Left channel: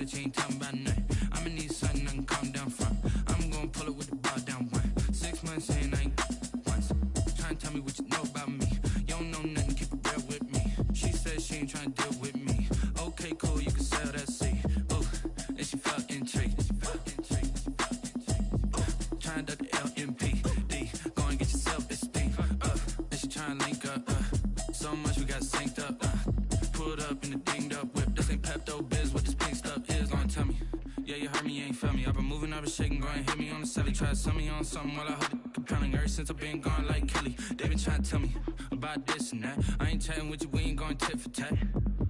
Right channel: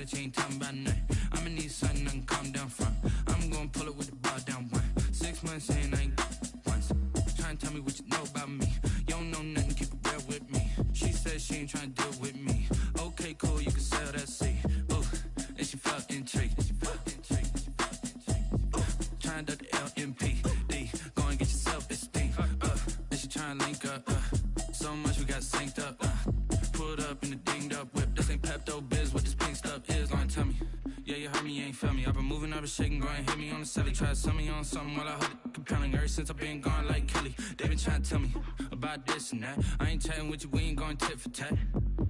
that you ain't talking about nothing. I'ma need something I can calm down from. I'm gonna pull it with the ball down one. 6 months in, I ain't once. Trying to tell me what you know about me. You don't know nothing, keep it real with me. She said she ain't trying to deal with me. Okay, cool, you can sell that seat. Ooh, and she felt intrigued. Trying to duck the LMPD. Go and get your self-esteem. And she trying to link up. So much we got synced up. Pulled up in the dinged up whip. This ain't Pepto-Biz, what this pink stuff is. Gonna tell me. Yeah, you heard me, you ain't felt me. I've been moving, I've been shaking, go and hit me on the celly. Try to sell me on something while I hold it compelling. Ever since I've been gone like Kelly, they been trying to tell me about this and that. I ain't chatting with you, we ain't going tit for tat.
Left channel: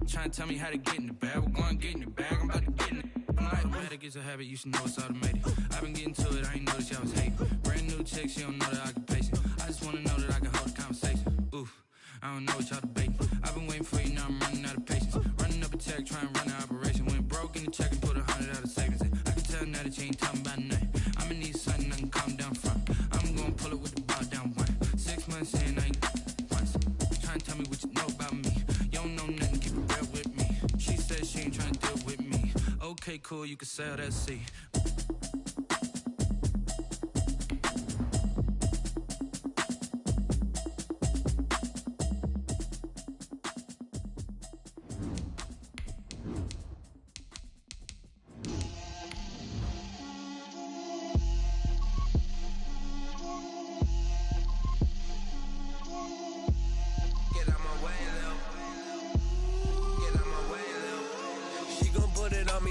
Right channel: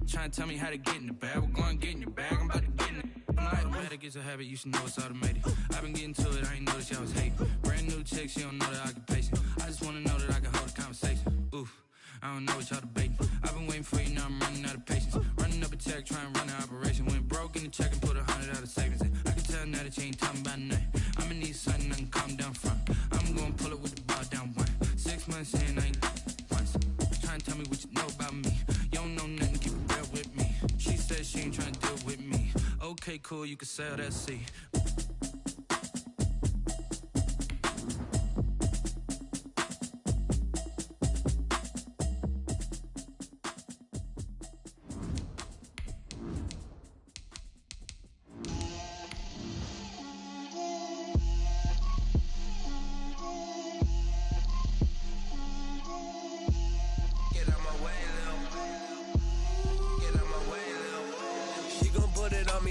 Trying to tell me how to get in the bag. We're going to get in your bag, I'm about to get in it. I'm like, automatic is a habit, you should know it's automated. I've been getting to it, I ain't noticed y'all was hating. Brand new chick, she don't know the occupation. I just wanna know that I can hold a conversation. Oof, I don't know what y'all debating. I've been waiting for you, now I'm running out of patience. Running up a check, trying to run an operation. Went broke in the check and put 100 out of savings in. I can tell now that you ain't talking about nothing. I'ma need something I can calm down from. I'm gonna pull it with the ball down one. 6 months in, I ain't once. Trying to tell me what you know about me. You don't know nothing, keep it real with me. She said she ain't trying to deal with me. Okay, cool, you can sell that seat.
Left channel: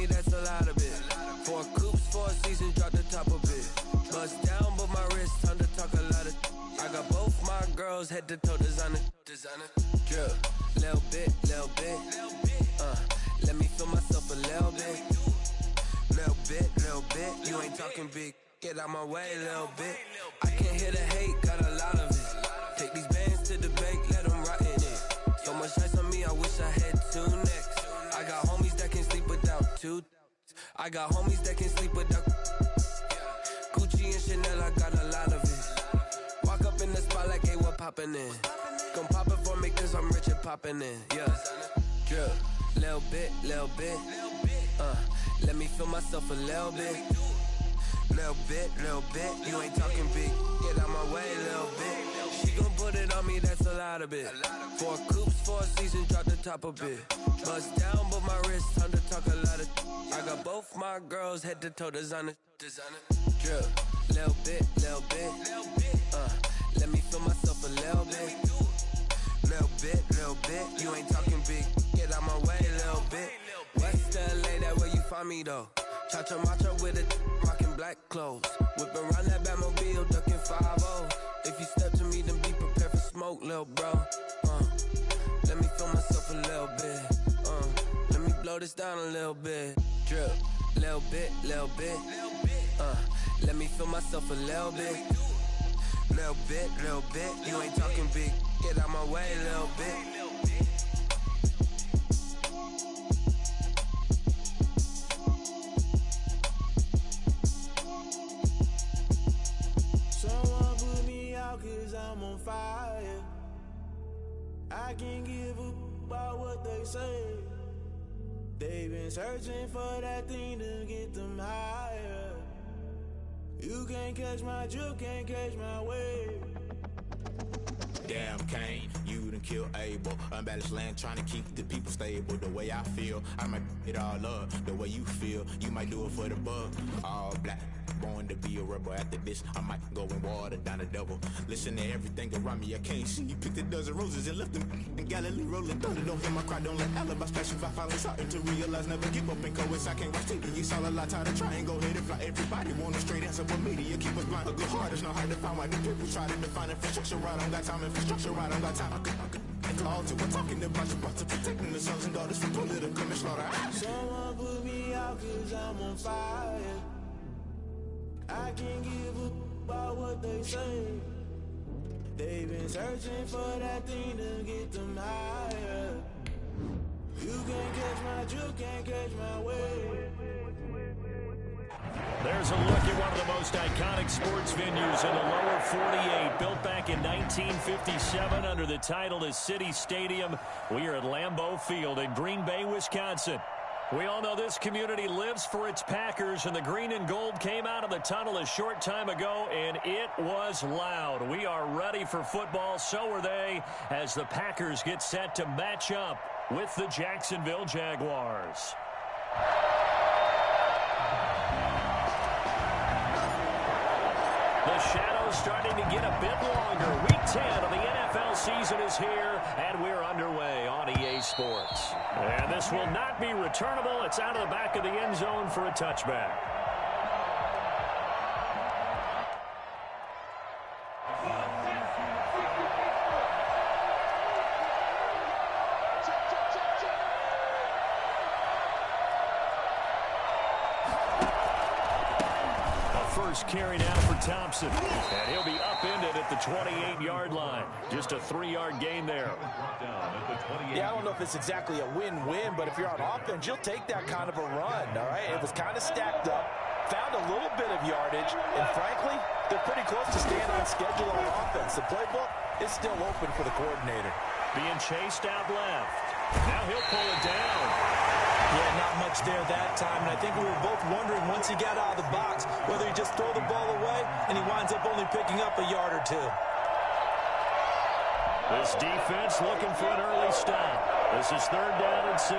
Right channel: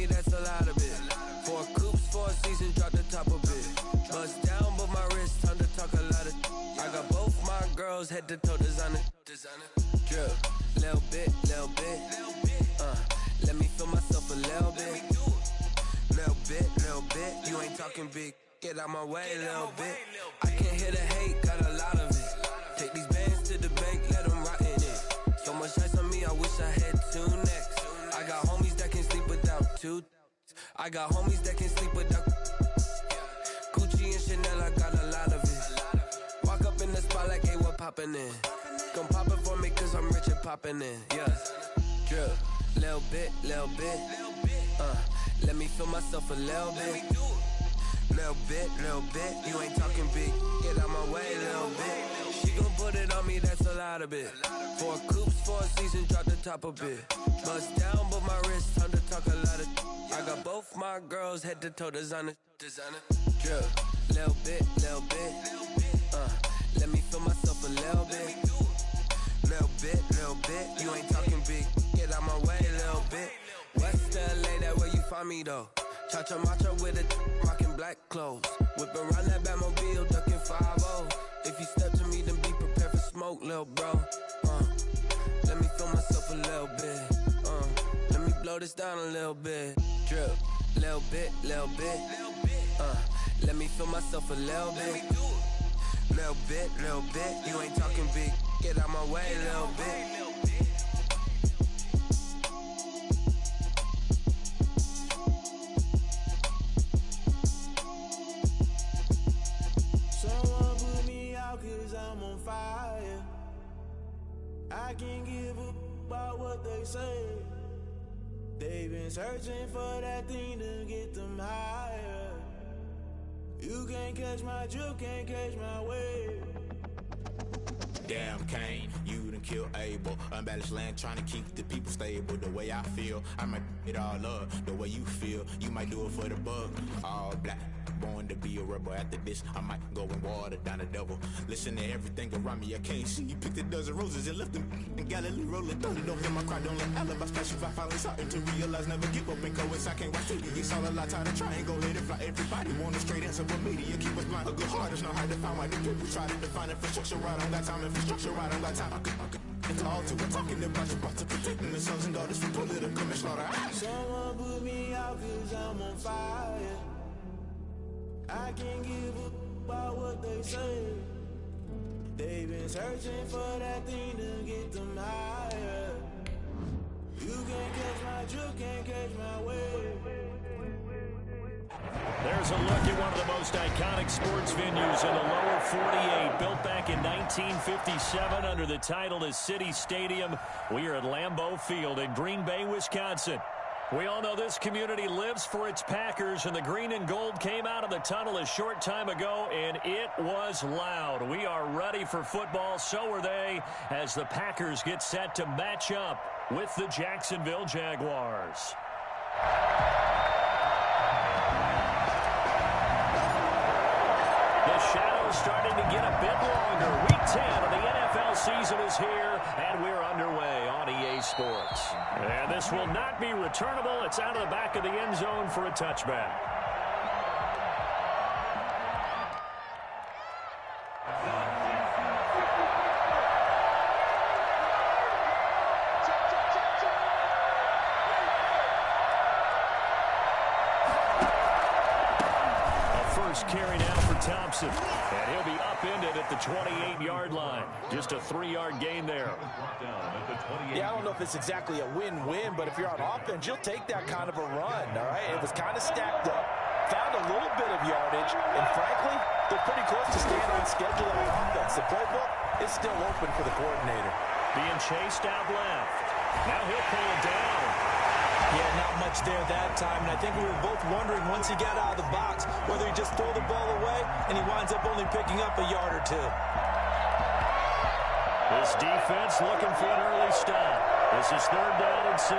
That's a lot of it. 4 coops, 4 seasons, drop the top a bit. Bust down, but my wrist, time to talk a lot of. I got both my girls head to toe designer. Drip, little bit. Let me feel myself a little bit. Little bit. You ain't talking big. Get out my way, little bit. I can't hear the hate, got a lot of it. Take these bands to the bank, let them rot in it. So much ice on me, I wish I had 2 necks. I got homies that can sleep without 2. I got homies that can sleep without Gucci and Chanel, I got a lot of it. Walk up in the spot like, hey, what poppin' in? Gon' pop it for me cause I'm rich and poppin' in. Yeah, drip, little bit. Let me feel myself a little bit. Little bit. You ain't talking big, get out my way, little bit. She gon' put it on me, that's a lot of it. 4 coops, 4 seasons, drop the top a bit. Bust down, but my wrist, time to talk a lot of. I got both my girls head to toe designer. Drip, little bit. Let me feel myself a little bit. Little bit. You ain't talking big, get out my way, little bit. West LA, that where you find me though. Cha-cha matcha with a rockin' black clothes. Whip around that Batmobile, duckin' 5-0. If you step to me, then be prepared for smoke, lil' bro. Let me feel myself a little bit. Let me blow this down a little bit. Drip, little bit. Let me feel myself a little bit. Little bit. You ain't talking big. Get out my way, little bit. Someone put me out cause I'm on fire. I can't give a about what they say. They've been searching for that thing to get them higher. You can't catch my drift, can't catch my wave. Damn, Kane, you done killed Abel. Unbalanced land, trying to keep the people stable. The way I feel, I might it all up. The way you feel, you might do it for the bug. All black, born to be a rebel. After this, I might go and water down the devil. Listen to everything around me, I can't see. You picked a dozen roses and left them in Galilee rolling thunder. Don't hear my cry, don't let alibis pass you by. Finally starting to realize, never give up and coast. I can't watch TV, it's all a lot. Tired of trying, go ahead and fly. Everybody want a straight answer, but media keep us blind. A good heart is not hard to find. Why the people try to define infrastructure right? I don't got time, infrastructure right, I don't got time. I could all to. We're talking about you, about to protecting the sons and daughters from political manslaughter. Someone put me out cause I'm on fire. I can't give a about what they say. They've been searching for that thing to get them higher. You can't catch my drift, can't catch my wave. There's a look at one of the most iconic sports venues in the lower 48. Built back in 1957 under the title of City Stadium. We are at Lambeau Field in Green Bay, Wisconsin. We all know this community lives for its Packers, and the green and gold came out of the tunnel a short time ago, and it was loud. We are ready for football. So are they, as the Packers get set to match up with the Jacksonville Jaguars. The shadow's starting to get a bit longer. Week 10 of the NFL season is here, and we're underway on EA Sports. And this will not be returnable. It's out of the back of the end zone for a touchback. Carry now for Thompson, and he'll be upended at the 28-yard line. Just a 3-yard gain there. Yeah, I don't know if it's exactly a win-win, but if you're on offense, you'll take that kind of a run, all right? It was kind of stacked up, found a little bit of yardage, and frankly, they're pretty close to staying on schedule on offense. The playbook is still open for the coordinator. Being chased out left. Now he'll pull it down. Yeah, not much there that time, and I think we were both wondering once he got out of the box whether he just throw the ball away and he winds up only picking up a yard or two. This defense looking for an early stop. This is 3rd down and 6.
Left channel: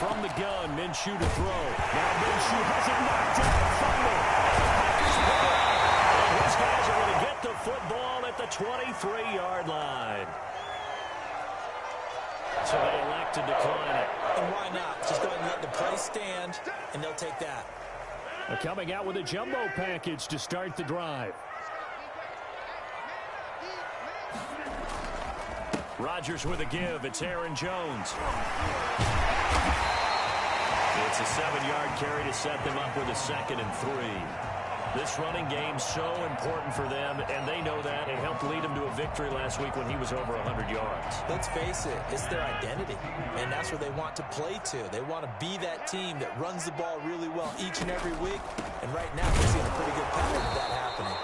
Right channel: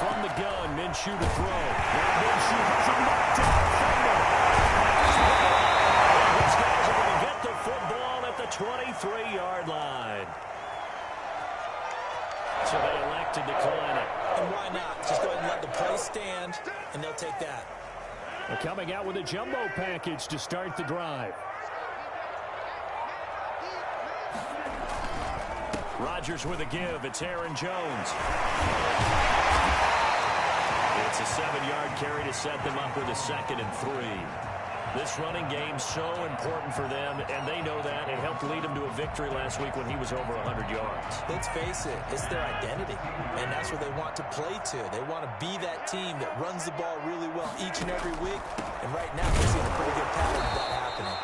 From the gun, Minshew to throw. Now Minshew has it knocked out. Fumble. And his guys are going to get the football at the 23-yard line. So they elect to decline it. And why not? Just go ahead and let the play stand, and they'll take that. They're coming out with a jumbo package to start the drive. Rodgers with a give. It's Aaron Jones. It's a 7-yard carry to set them up with a 2nd and 3. This running game so important for them, and they know that. It helped lead them to a victory last week when he was over 100 yards. Let's face it, it's their identity, and that's where they want to play to. They want to be that team that runs the ball really well each and every week, and right now we're seeing a pretty good pattern of that happening.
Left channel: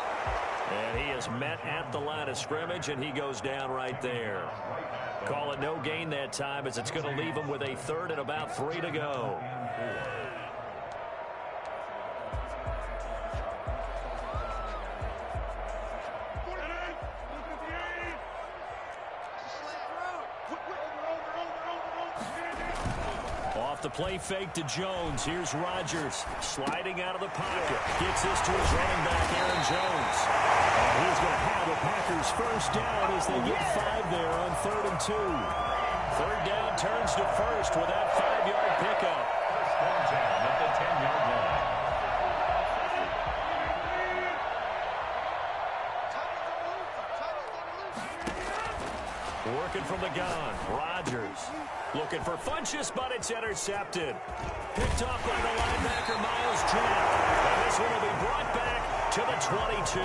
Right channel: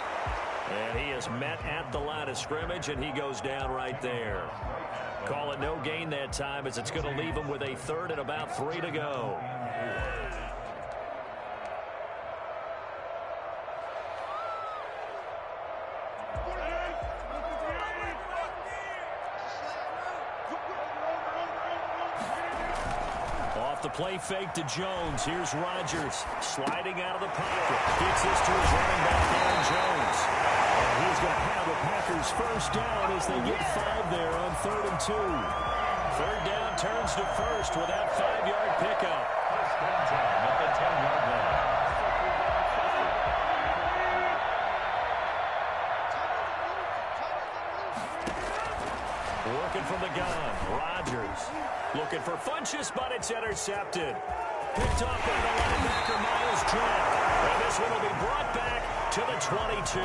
And he is met at the line of scrimmage, and he goes down right there. Call it no gain that time, as it's going to leave him with a 3rd and about 3 to go. Off the play fake to Jones. Here's Rodgers sliding out of the pocket. Gets this to his running back, Aaron Jones. And he's going to have the Packers first down as they get 5 there on 3rd and 2. 3rd down turns to 1st with that 5-yard pickup. 1st and 10 at the 10-yard line. Working from the gun. Rodgers looking for Funchess, but it's intercepted. Picked off by the linebacker, Miles Jack. And this one will be brought back to the 22.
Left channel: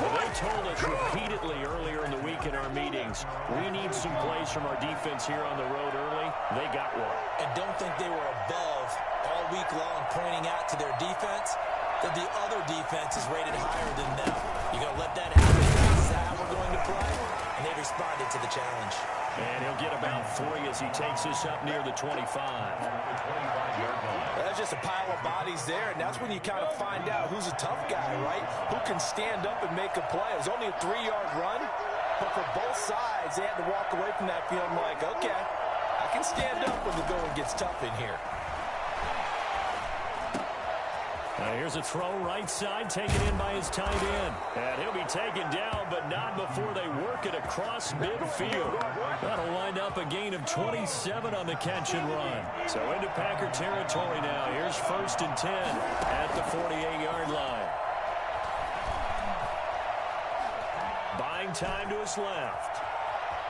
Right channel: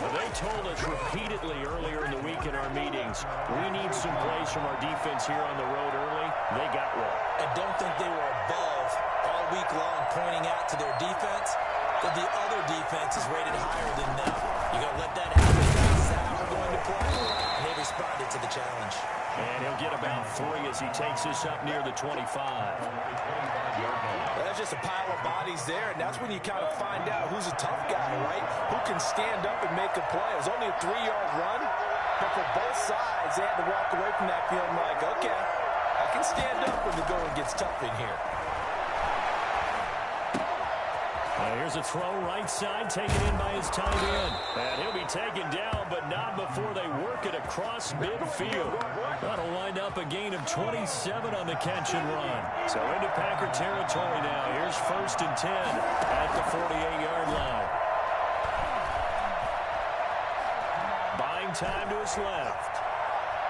Well, they told us repeatedly earlier in the week in our meetings, we need some plays from our defense here on the road early. They got one. And don't think they were above all week long pointing out to their defense that the other defense is rated higher than them. You're going to let that happen. That's how we're going to play. And they responded to the challenge. And he'll get about 3 as he takes this up near the 25. That's just a pile of bodies there, and that's when you kind of find out who's a tough guy, right? Who can stand up and make a play. It was only a 3-yard run, but for both sides, they had to walk away from that feeling like, okay, I can stand up when the going gets tough in here. Here's a throw right side, taken in by his tight end. And he'll be taken down, but not before they work it across midfield. That'll wind up a gain of 27 on the catch and run. So into Packer territory now. Here's 1st and 10 at the 48-yard line. Buying time to his left.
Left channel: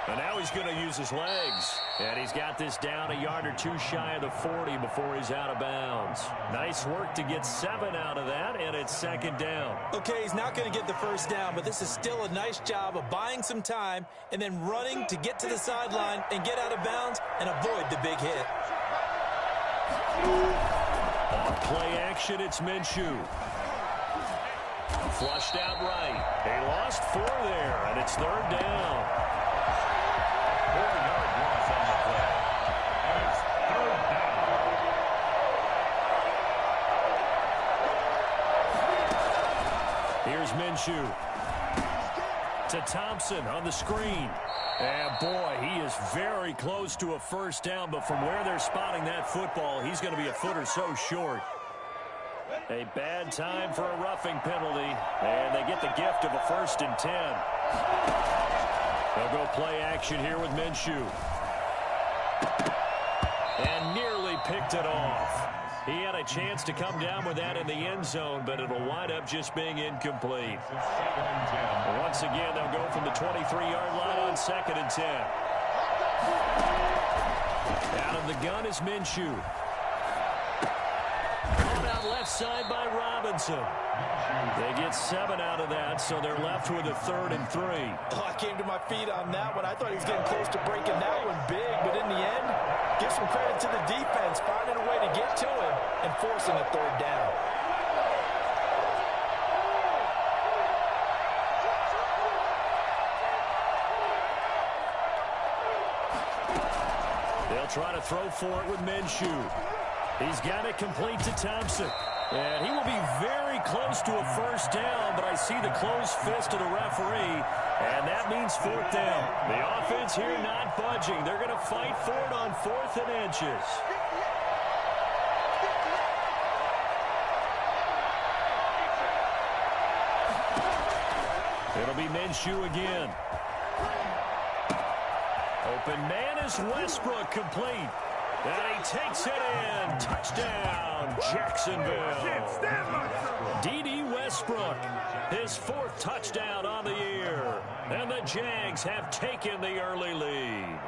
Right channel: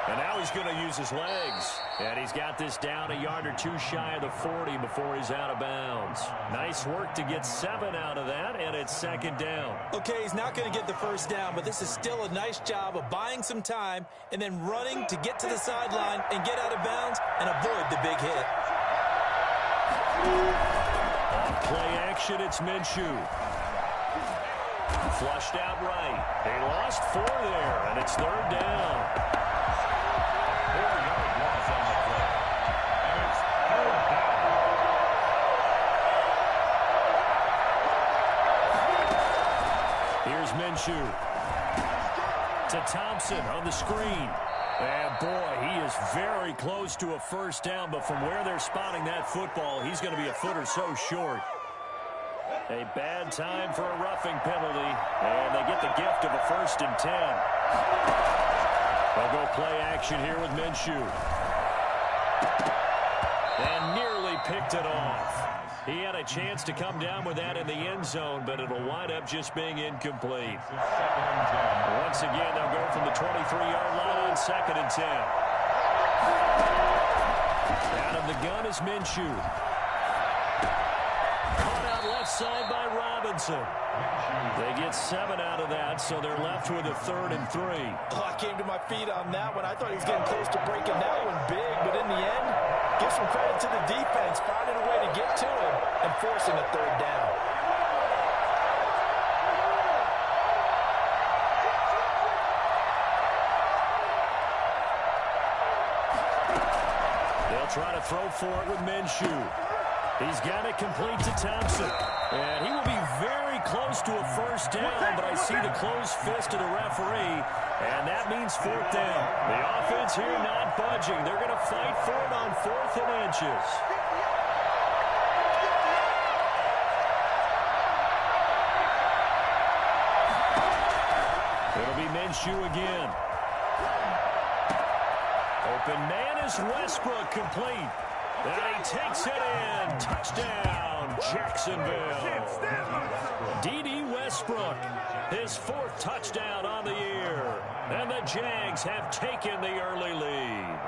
And now he's going to use his legs. And he's got this down a yard or 2 shy of the 40 before he's out of bounds. Nice work to get 7 out of that, and it's 2nd down. Okay, he's not going to get the 1st down, but this is still a nice job of buying some time and then running to get to the sideline and get out of bounds and avoid the big hit. Off play action, it's Minshew. Flushed out right. He lost 4 there, and it's 3rd down. 4-yard loss on the play. And it's 3rd down. Here's Minshew. To Thompson on the screen. And boy, he is very close to a 1st down, but from where they're spotting that football, he's going to be a foot or so short. A bad time for a roughing penalty, and they get the gift of a 1st and 10. They'll go play action here with Minshew. And nearly picked it off. He had a chance to come down with that in the end zone, but it'll wind up just being incomplete. 2nd and 10. Once again, they'll go from the 23-yard line on 2nd and 10. Out of the gun is Minshew. Caught out left side by Robinson. They get 7 out of that, so they're left with a 3rd and 3. Oh, I came to my feet on that one. I thought he was getting close to breaking that one big, but in the end, give some credit to the defense, finding a way to get to him and forcing a 3rd down. They'll try to throw for it with Minshew. He's got it complete to Thompson. And he will be very close to a 1st down, but I see the closed fist of the referee, and that means 4th down. The offense here not budging. They're going to fight for it on 4th and inches. It'll be Minshew again. Open man is Westbrook, complete. And he takes it in. Touchdown, Jacksonville. D.D. Westbrook, his 4th touchdown on the year. And the Jags have taken the early lead.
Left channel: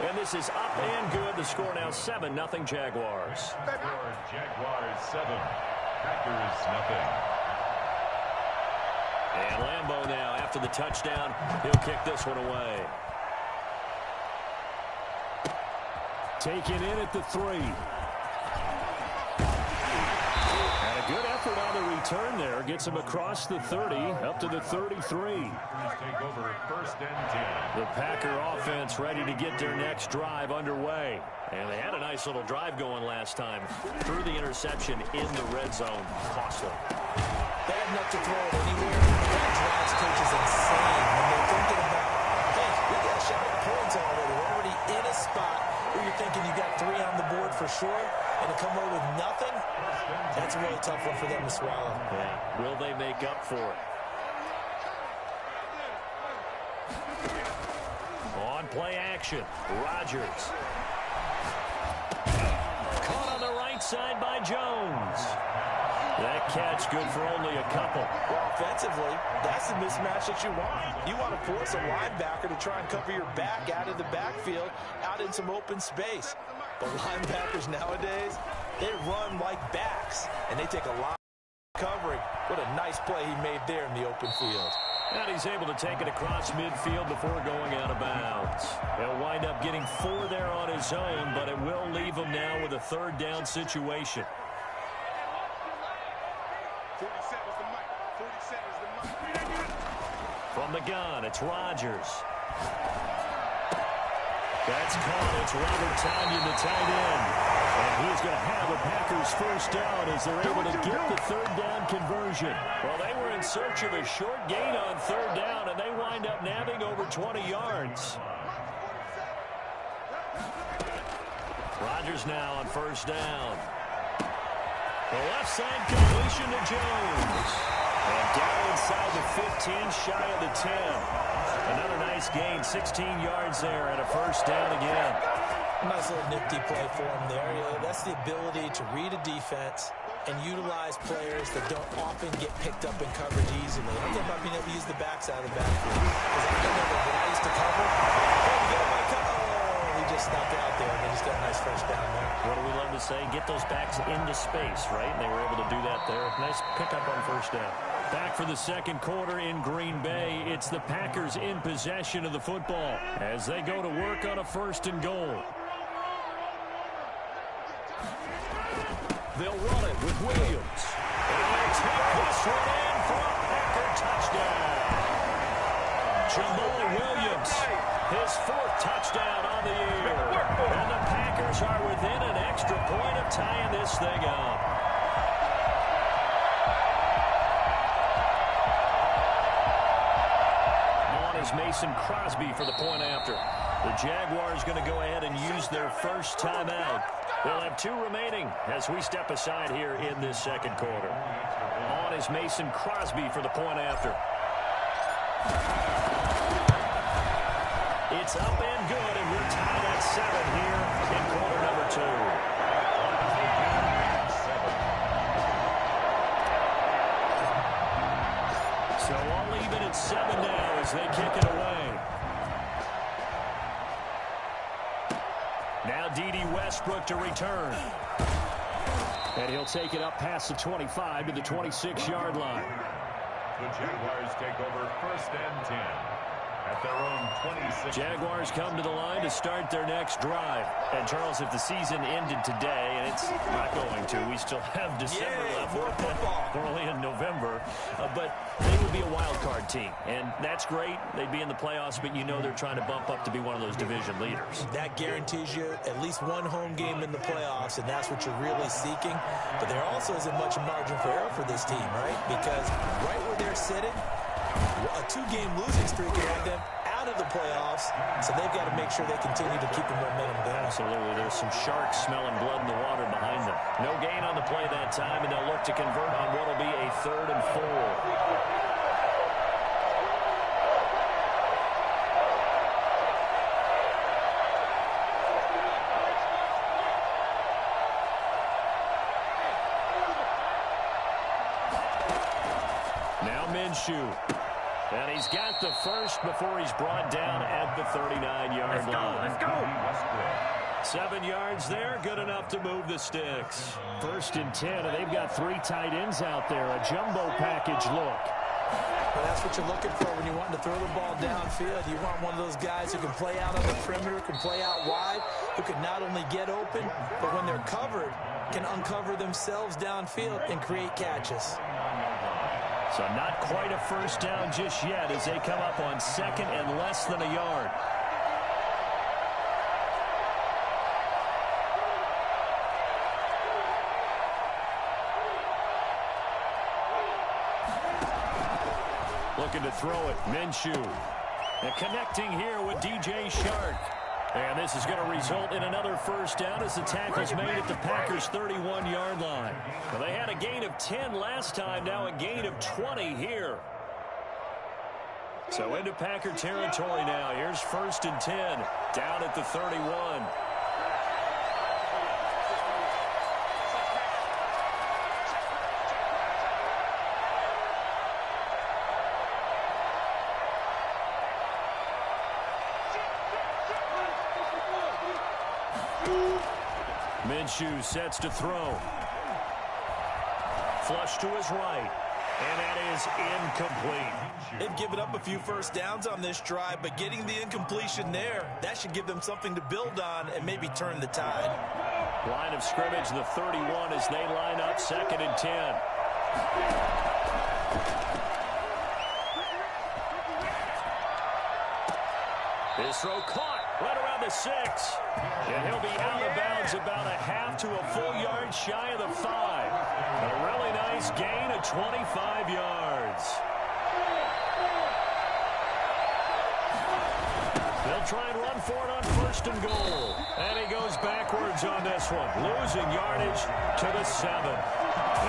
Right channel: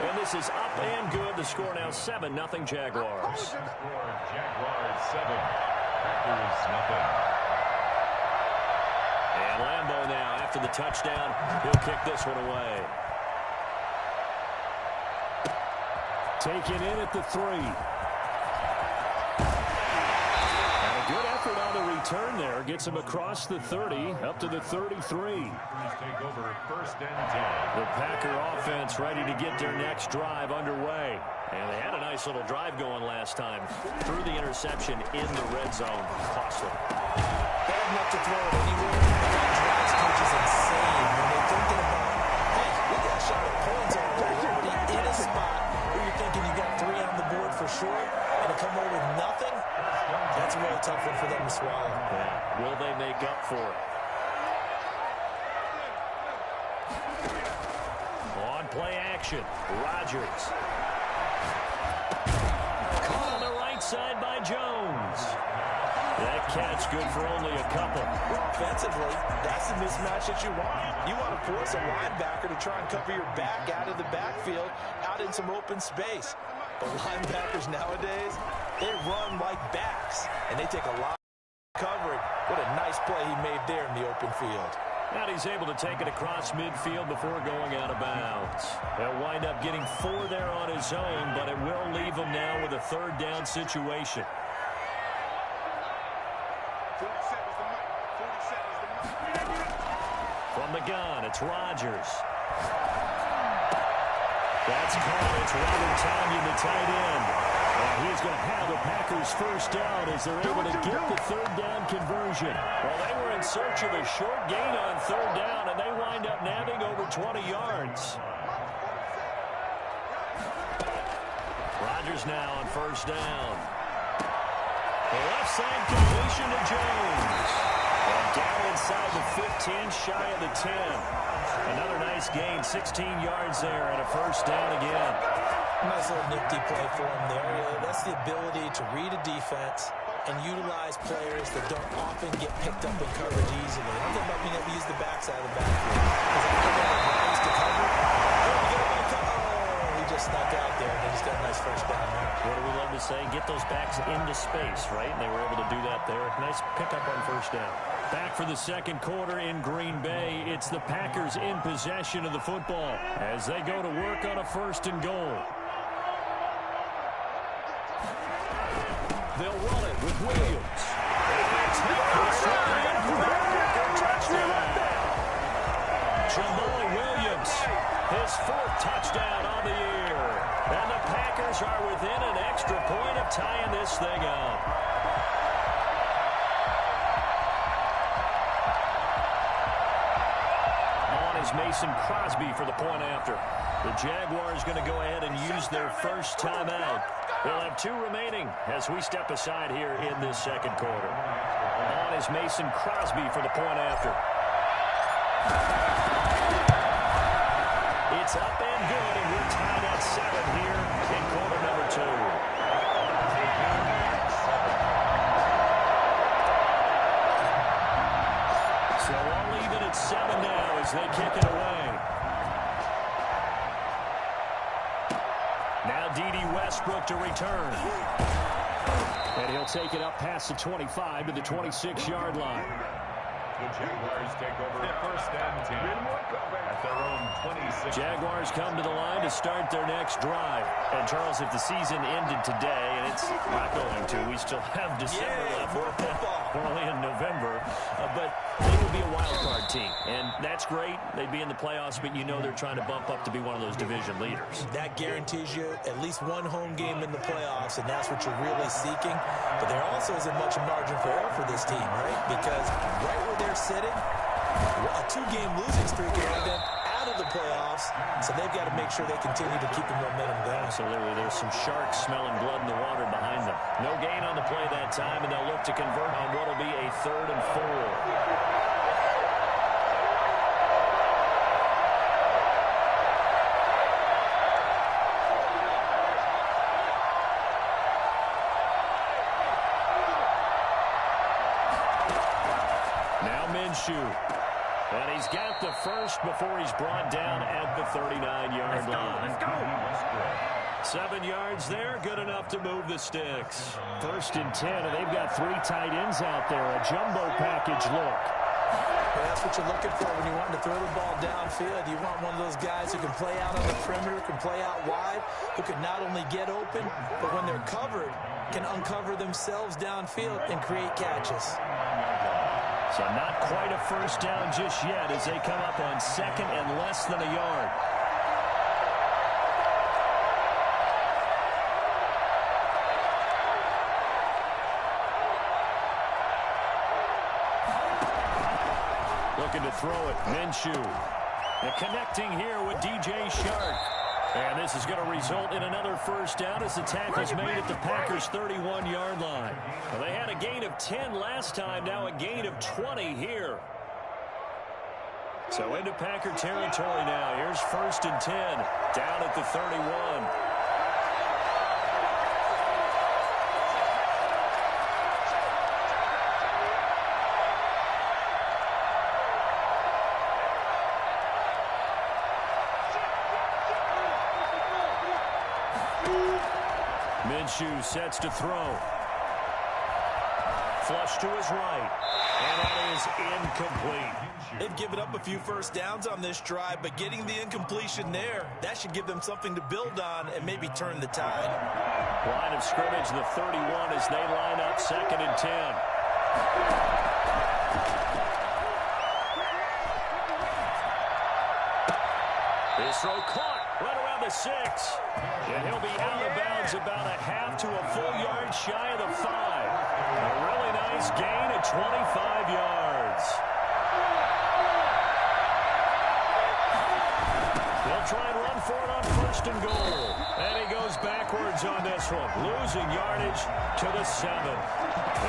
And this is up and good. The score now 7-0 Jaguars. Jaguars 7, Packers nothing. And Lambeau now, after the touchdown, he'll kick this one away. Taken in at the 3. And a good effort on the return there. Gets him across the 30, up to the 33. Take over 1st and 10. The Packer offense ready to get their next drive underway. And they had a nice little drive going last time. Threw the interception in the red zone. Costly. Bad enough to throw it anywhere. That drives coaches insane when they're thinking about, hey, we got a shot at points already. We're already in a spot where you're thinking you got 3 on the board for sure, and to come away with nothing, that's a really tough one for them to swallow. Yeah. Will they make up for it? On play action, Rodgers. Caught on the right side by Jones. That catch good for only a couple. Well, offensively, that's the mismatch that you want. You want to force a linebacker to try and cover your back out of the backfield, out in some open space. But linebackers nowadays, they run like backs, and they take a lot of covering. What a nice play he made there in the open field. And he's able to take it across midfield before going out of bounds. He'll wind up getting 4 there on his own, but it will leave him now with a 3rd down situation. From the gun, it's Rodgers. That's caught. It's Robert Tonyan, the tight end. And he's going to have the Packers 1st down as they're able to get the 3rd down conversion. Well, they were in search of a short gain on 3rd down, and they wind up nabbing over 20 yards. Rodgers now on 1st down. The left side completion to Jones. And down inside the 15, shy of the 10. Another nice gain, 16 yards there, and a 1st down again. Nice little nifty play for him there. You know, that's the ability to read a defense and utilize players that don't often get picked up in coverage easily. I'm talking about being able to use the backside of the backfield. Because I don't know what Rise to cover. Oh, we get him by cut. Oh, he just snuck out there, and they just got a nice 1st down there. What do we love to say? Get those backs into space, right? And they were able to do that there. Nice pickup on 1st down. Back for the 2nd quarter in Green Bay. It's the Packers in possession of the football as they go to work on a 1st and goal. They'll run it with Williams. And take this one in for a Packer touchdown. Jamal Williams, his 4th touchdown on the year. And the Packers are within an extra point of tying this thing up. On is Mason Crosby for the point after. The Jaguars going to go ahead and use their first timeout. They'll have 2 remaining as we step aside here in this second quarter. On is Mason Crosby for the point after. It's up and good, and we're tied at 7 here in quarter number 2. So all even at 7 now as they kick it away. Now D.D. Westbrook to return. And he'll take it up past the 25 to the 26-yard line. The Jaguars take over 1st and 10 at their own 26. Jaguars come to the line to start their next drive. And, Charles, if the season ended today, and it's not going to, we still have December left. We're only in November. But they would be a wild card team. And that's great. They'd be in the playoffs, but you know they're trying to bump up to be one of those division leaders. That guarantees you at least one home game in the playoffs, and that's what you're really seeking. But there also isn't much margin for error for this team, right? Because right where they're sitting, a 2-game losing streak can have them out of the playoffs, so they've got to make sure they continue to keep the momentum going. Absolutely. There's some sharks smelling blood in the water behind them. No gain on the play that time, and they'll look to convert on what will be a 3rd and 4. Now Minshew. And he's got the first before he's brought down at the 39-yard line. Let's go. 7 yards there, good enough to move the sticks. 1st and 10, and they've got 3 tight ends out there. A jumbo package look. Well, that's what you're looking for when you want to throw the ball downfield. You want one of those guys who can play out on the perimeter, can play out wide, who can not only get open, but when they're covered, can uncover themselves downfield and create catches. So not quite a first down just yet as they come up on 2nd and less than a yard. Looking to throw it, Minshew. And connecting here with DJ Shark. And this is going to result in another first down as the tackle's made at the Packers' 31-yard line. Well, they had a gain of 10 last time, now a gain of 20 here. So into Packer territory now. Here's 1st and 10, down at the 31. Minshew sets to throw. Flush to his right. And that is incomplete. They've given up a few first downs on this drive, but getting the incompletion there, that should give them something to build on and maybe turn the tide. Line of scrimmage, the 31 as they line up 2nd and 10. His throw caught right around the 6. And he'll be out of bounds about a half to a full yard shy of the 5. A really nice gain of 25 yards. They'll try and run for it on 1st and goal. And he goes backwards on this one, losing yardage to the 7.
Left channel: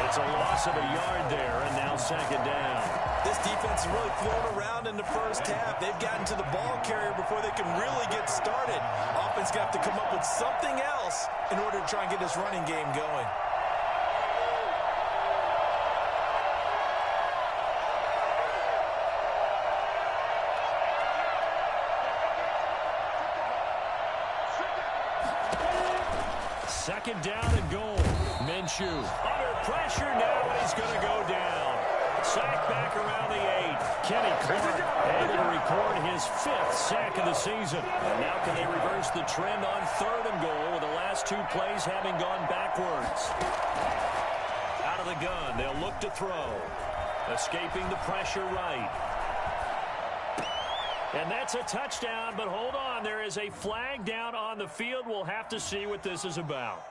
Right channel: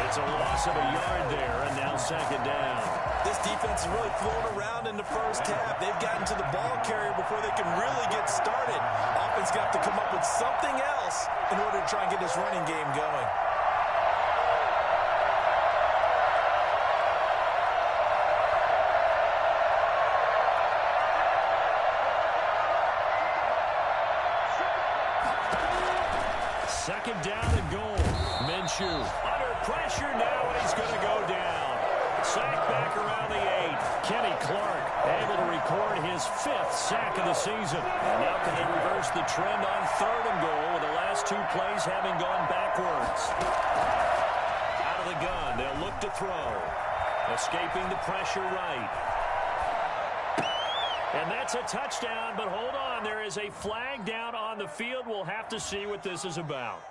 It's a loss of a yard there, and now 2nd down. This defense has really flown around in the first half. They've gotten to the ball carrier before they can really get started. Offense got to come up with something else in order to try and get this running game going. Second down and goal. Minshew under pressure now, and he's going to go down. Sack back around the 8. Kenny Clark able to record his 5th sack of the season. And now can they reverse the trend on 3rd and goal with the last 2 plays having gone backwards? the gun. They'll look to throw. Escaping the pressure right. And that's a touchdown, but hold on. There is a flag down on the field. We'll have to see what this is about.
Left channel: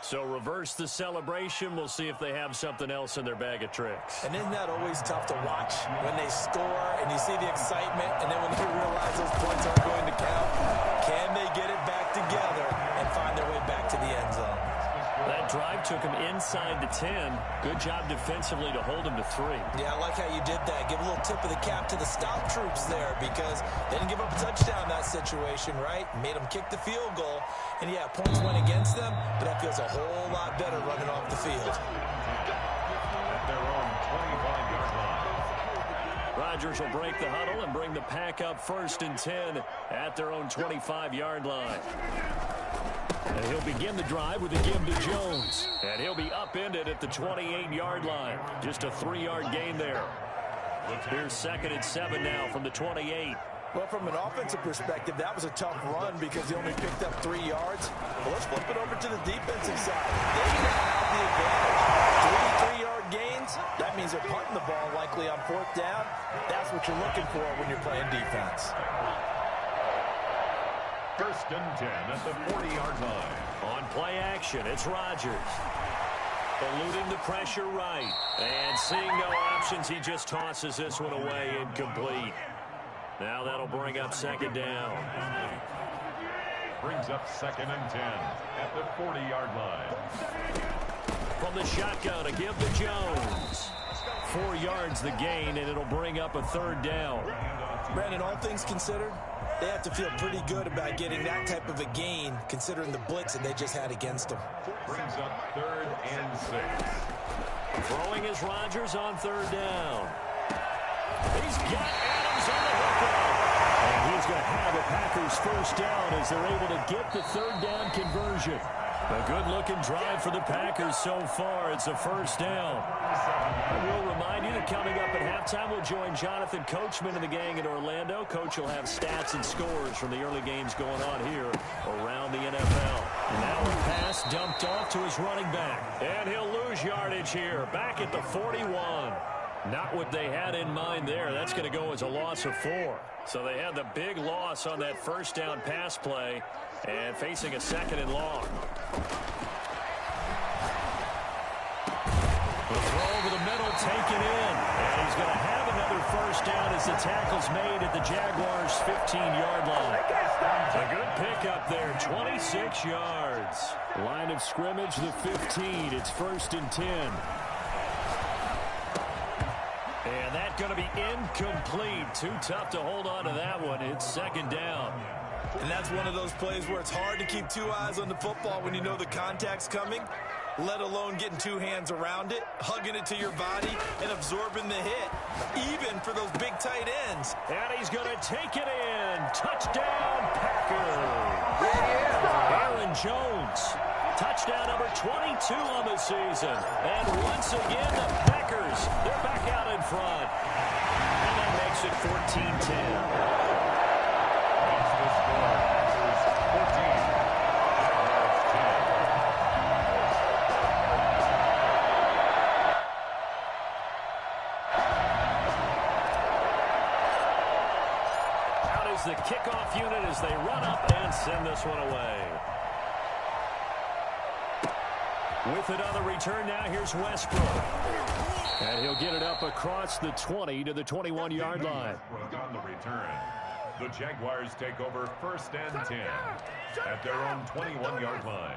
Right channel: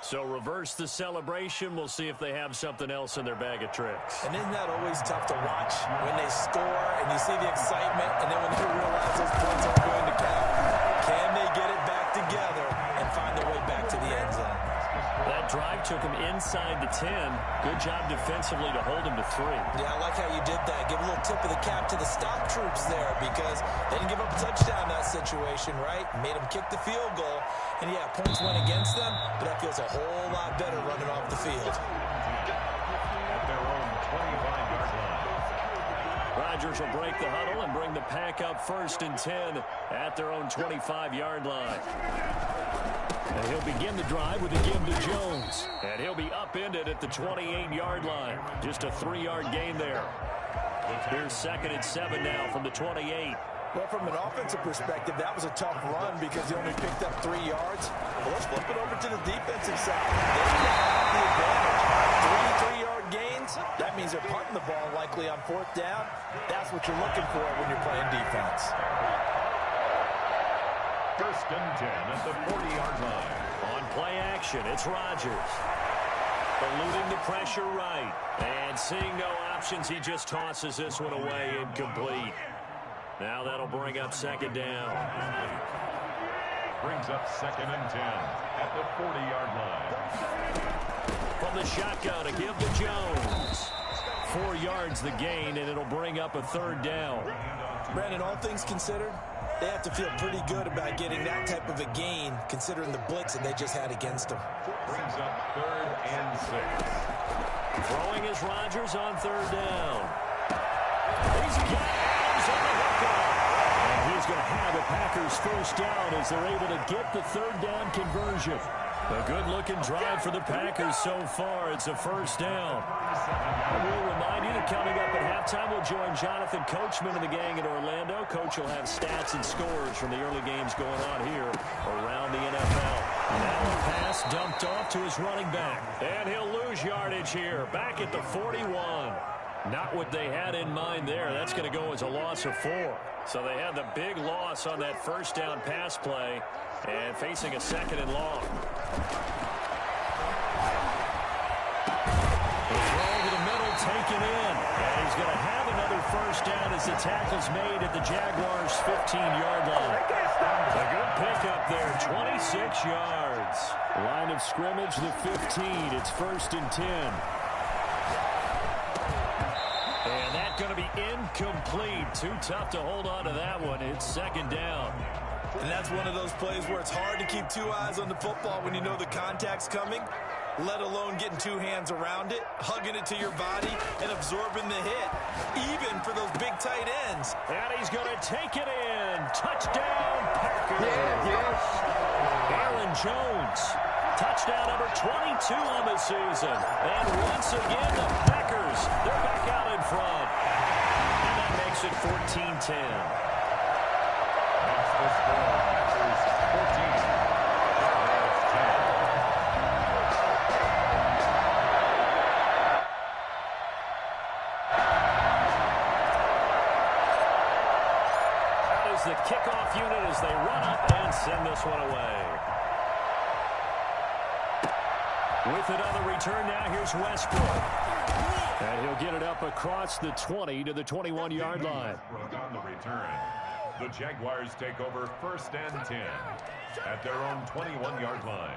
So reverse the celebration. We'll see if they have something else in their bag of tricks. And isn't that always tough to watch when they score and you see the excitement, and then when they realize those points aren't going to count? Can they get it back together and find their way back to the end zone? That drive took him inside the 10. Good job defensively to hold him to 3. Yeah, I like how you did that. Give a little tip of the cap to the stop troops there, because they didn't give up a touchdown in that situation, right? Made them kick the field goal. And, yeah, points went against them, but that feels a whole lot better running off the field. At their own 25-yard line. Rodgers will break the huddle and bring the pack up 1st and 10 at their own 25-yard line. And he'll begin the drive with a give to Jones. And he'll be upended at the 28-yard line. Just a 3-yard gain there. Here's 2nd and 7 now from the 28. Well, from an offensive perspective, that was a tough run because he only picked up 3 yards. But let's flip it over to the defensive side. They now have the advantage. 3 3-yard gains. That means they're punting the ball likely on 4th down. That's what you're looking for when you're playing defense. 1st and 10 at the 40-yard line. On play action, it's Rodgers. Eluding the pressure right. And seeing no options, he just tosses this one away, incomplete. Now that'll bring up 2nd down. Brings up 2nd and 10 at the 40-yard line. From the shotgun, a give to Jones. 4 yards the gain, and it'll bring up a 3rd down. Brandon, all things considered, they have to feel pretty good about getting that type of a gain, considering the blitz that they just had against them. Brings up 3rd and 6. Throwing is Rodgers on 3rd down. He's got Adams on the hookup. And he's going to have a Packers 1st down as they're able to get the 3rd down conversion. A good-looking drive for the Packers so far. It's a 1st down. And we'll remind you that coming up at halftime, we'll join Jonathan Coachman and the gang in Orlando. Coach will have stats and scores from the early games going on here around the NFL. Now a pass dumped off to his running back. And he'll lose yardage here, back at the 41. Not what they had in mind there. That's going to go as a loss of 4. So they had the big loss on that 1st down pass play and facing a 2nd and long. The throw over the middle taken in. And he's going to have another 1st down as the tackle's made at the Jaguars' 15-yard line. A good pickup there, 26 yards. Line of scrimmage, the 15. It's 1st and 10. And that's going to be incomplete. Too tough to hold on to that one. It's 2nd down. And that's one of those plays where it's hard to keep 2 eyes on the football when you know the contact's coming, let alone getting 2 hands around it, hugging it to your body, and absorbing the hit, even for those big tight ends. And he's going to take it in. Touchdown, Packers. Aaron Jones. Touchdown number 22 on the season. And once again, the Packers, they're back out in front. And that makes it 14-10. Makes the score Packers 14. Jaguars 10. Out is the kickoff unit as they run up and send this one away. With it on the return now, here's Westbrook. And he'll get it up across the 20 to the 21-yard line. On the return, the Jaguars take over 1st and 10 at their own 21-yard line.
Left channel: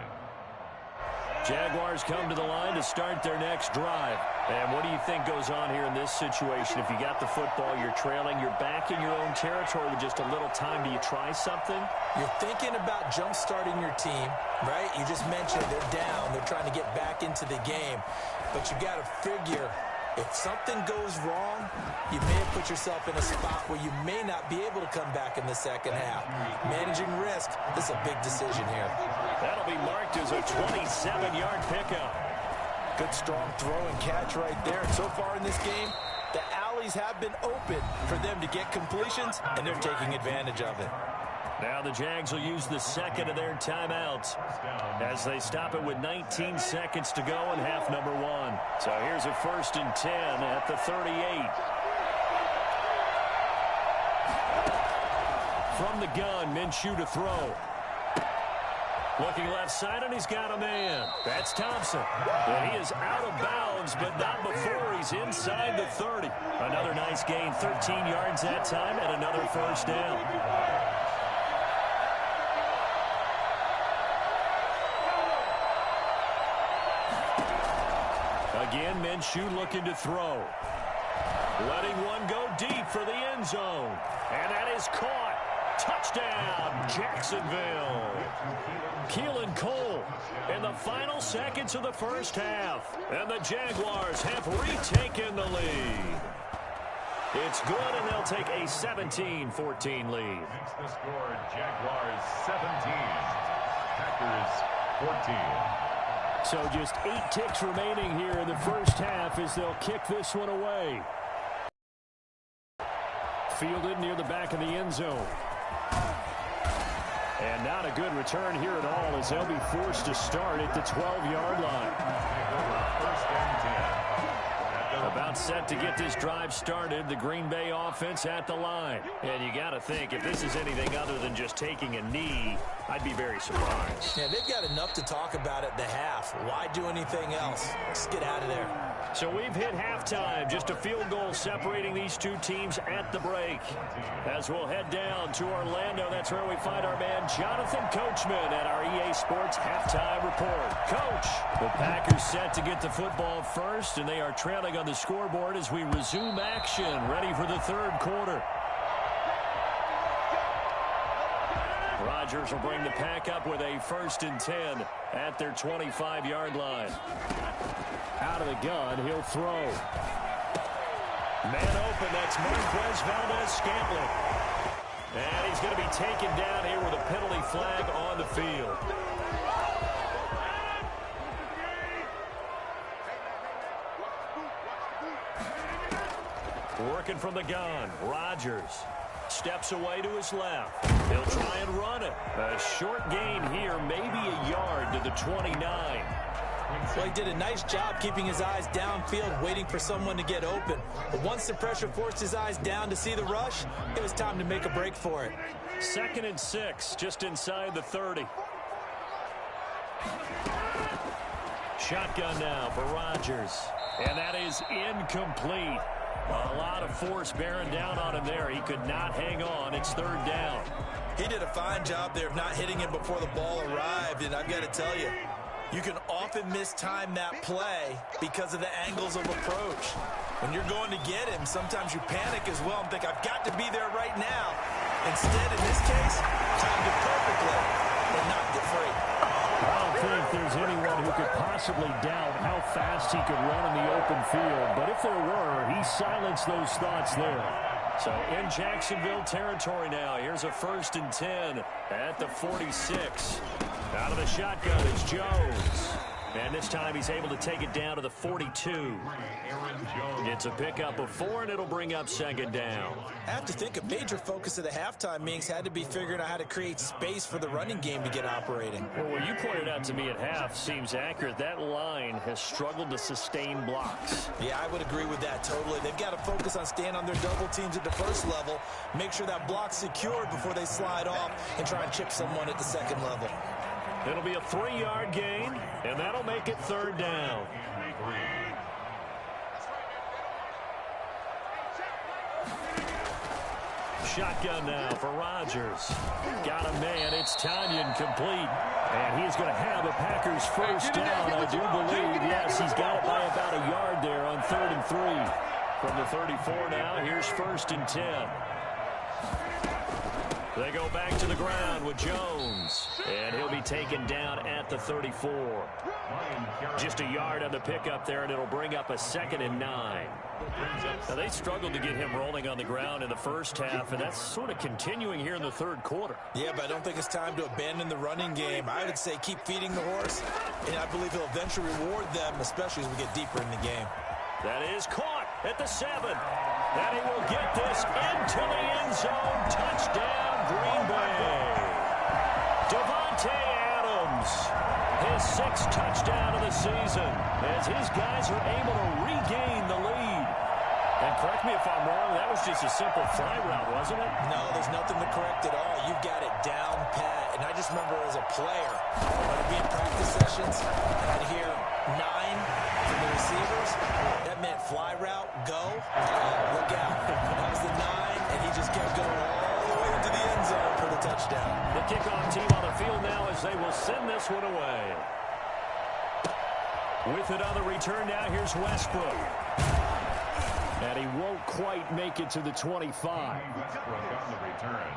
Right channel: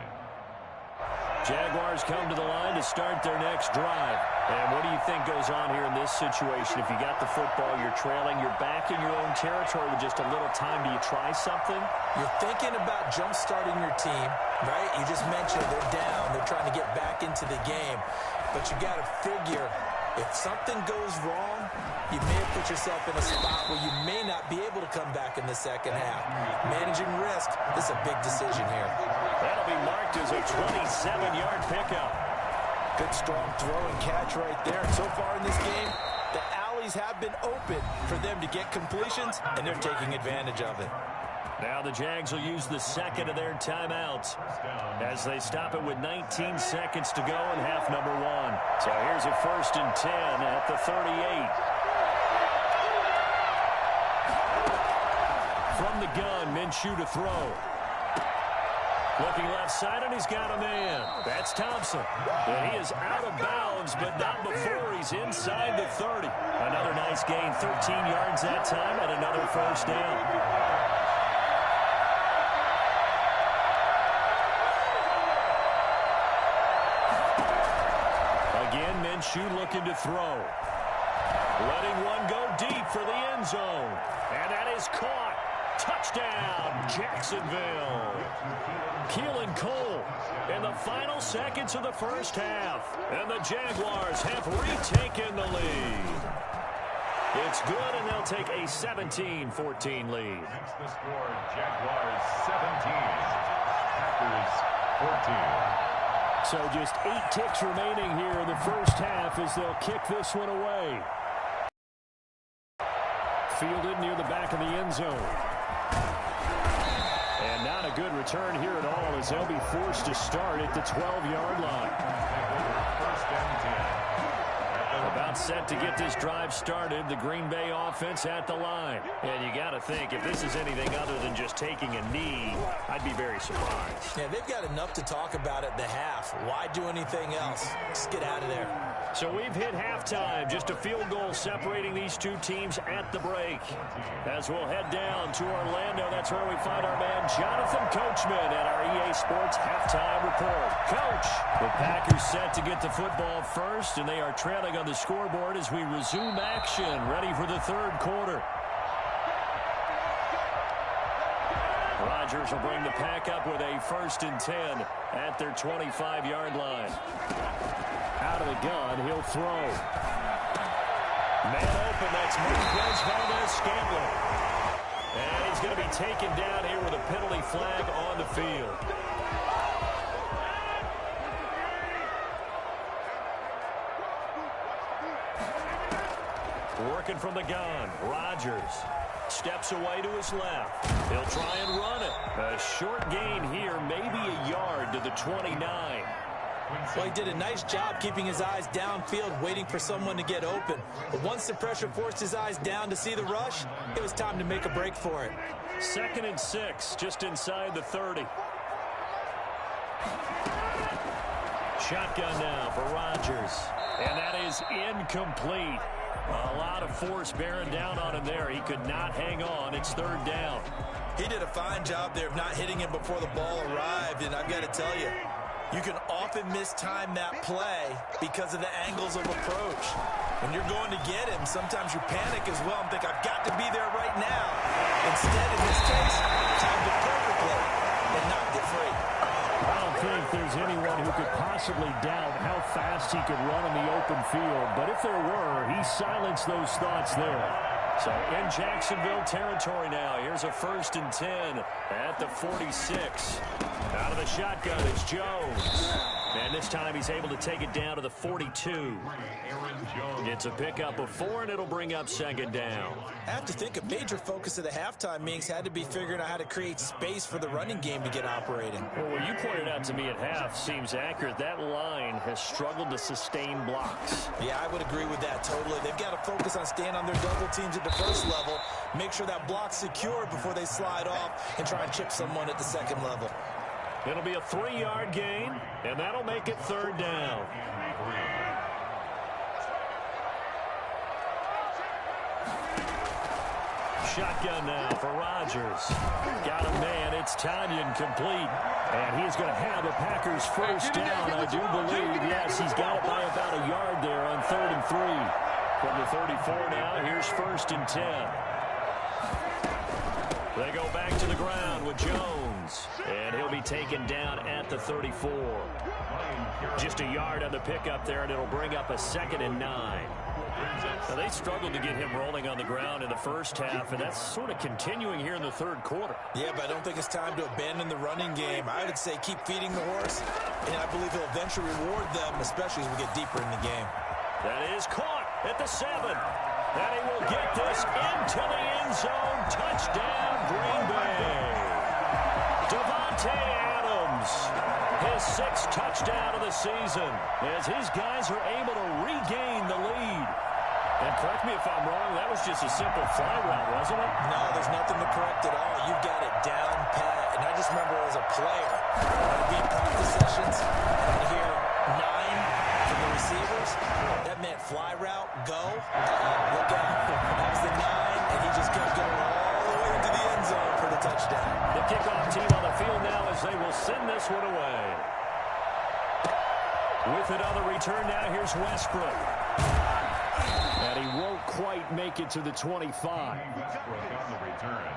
Jaguars come to the line to start their next drive. And what do you think goes on here in this situation? If you got the football, you're trailing, you're back in your own territory with just a little time. Do you try something? You're thinking about jump-starting your team, right? You just mentioned they're down. They're trying to get back into the game. But you got to figure, if something goes wrong, you may have put yourself in a spot where you may not be able to come back in the 2nd half. Managing risk, this is a big decision here. That'll be marked as a 27-yard pickup. Good strong throw and catch right there. And so far in this game, the alleys have been open for them to get completions, and they're taking advantage of it. Now the Jags will use the second of their timeouts as they stop it with 19 seconds to go in half number 1. So here's a 1st and 10 at the 38. From the gun, Minshew to throw. Looking left side, and he's got a man. That's Thompson. And he is out of bounds, but not before he's inside the 30. Another nice gain, 13 yards that time, and another 1st down. Again, Minshew looking to throw. Letting one go deep for the end zone. And that is caught. Touchdown, Jacksonville. Keelan Cole in the final seconds of the first half. And the Jaguars have retaken the lead. It's good, and they'll take a 17-14 lead. Makes the score Jaguars 17, Packers 14. So just 8 ticks remaining here in the first half as they'll kick this one away. Fielded near the back of the end zone. And not a good return here at all as they'll be forced to start at the 12-yard line. Take over 1st and 10. About set to get this drive started, the Green Bay offense at the line. And you got to think, if this is anything other than just taking a knee, I'd be very surprised. Yeah, they've got enough to talk about at the half. Why do anything else? Just get out of there. So we've hit halftime, just a field goal separating these two teams at the break. As we'll head down to Orlando, that's where we find our man Jonathan Coachman at our EA Sports Halftime Report. Coach, the Packers set to get the football first, and they are trailing on the scoreboard as we resume action, ready for the 3rd quarter. Rodgers will bring the Pack up with a 1st and 10 at their 25-yard line. Out of the gun, he'll throw. Man open, that's Marquez Valdez-Scantling. And he's going to be taken down here with a penalty flag on the field. Working from the gun, Rodgers steps away to his left. He'll try and run it. A short gain here, maybe a yard to the 29. Well, he did a nice job keeping his eyes downfield, waiting for someone to get open. But once the pressure forced his eyes down to see the rush, it was time to make a break for it. 2nd and 6, just inside the 30. Shotgun now for Rodgers. And that is incomplete. A lot of force bearing down on him there. He could not hang on. It's 3rd down. He did a fine job there of not hitting him before the ball arrived. And I've got to tell you, you can often mistime that play because of the angles of approach. When you're going to get him, sometimes you panic as well and think, I've got to be there right now. Instead, in this case, timed it perfectly and knocked it free. I don't think there's anyone who could possibly doubt how fast he could run in the open field. But if there were, he silenced those thoughts there. So in Jacksonville territory now, here's a 1st and 10 at the 46. Out of the shotgun is Jones. And this time he's able to take it down to the 42. It's a pickup of 4, and it'll bring up 2nd down. I have to think a major focus of the halftime meetings had to be figuring out how to create space for the running game to get operating. Well, what you pointed out to me at half seems accurate. That line has struggled to sustain blocks. Yeah, I would agree with that totally. They've got to focus on staying on their double teams at the first level, make sure that block's secured before they slide off and try and chip someone at the 2nd level. It'll be a 3-yard gain, and that'll make it 3rd down. Shotgun now for Rodgers. Got a man. It's Tanyan complete. And he's going to have a Packers 1st down, I do believe. Yes, he's got it by about a yard there on 3rd and 3. From the 34 now, here's 1st and 10. They go back to the ground with Jones. And he'll be taken down at the 34. Just a yard on the pickup there, and it'll bring up a 2nd and 9. Now, they struggled to get him rolling on the ground in the first half, and that's sort of continuing here in the 3rd quarter. Yeah, but I don't think it's time to abandon the running game. I would say keep feeding the horse, and I believe he'll eventually reward them, especially as we get deeper in the game. That is caught at the 7. And he will get this into the end zone. Touchdown, Green Bay. Davante Adams, his 6th touchdown of the season, as his guys are able to regain the lead. And correct me if I'm wrong, that was just a simple fly route, wasn't it? No, there's nothing to correct at all. You've got it down pat. And I just remember as a player, when I'd be in practice sessions, and I'd hear 9 from the receivers, that meant fly route, go, look out. That was the 9, and he just kept going all the way into the end zone for the touchdown. The kickoff team on the field now as they will send this one away. With it on the return now, here's Westbrook. And he won't quite make it to the 25. Westbrook on the return.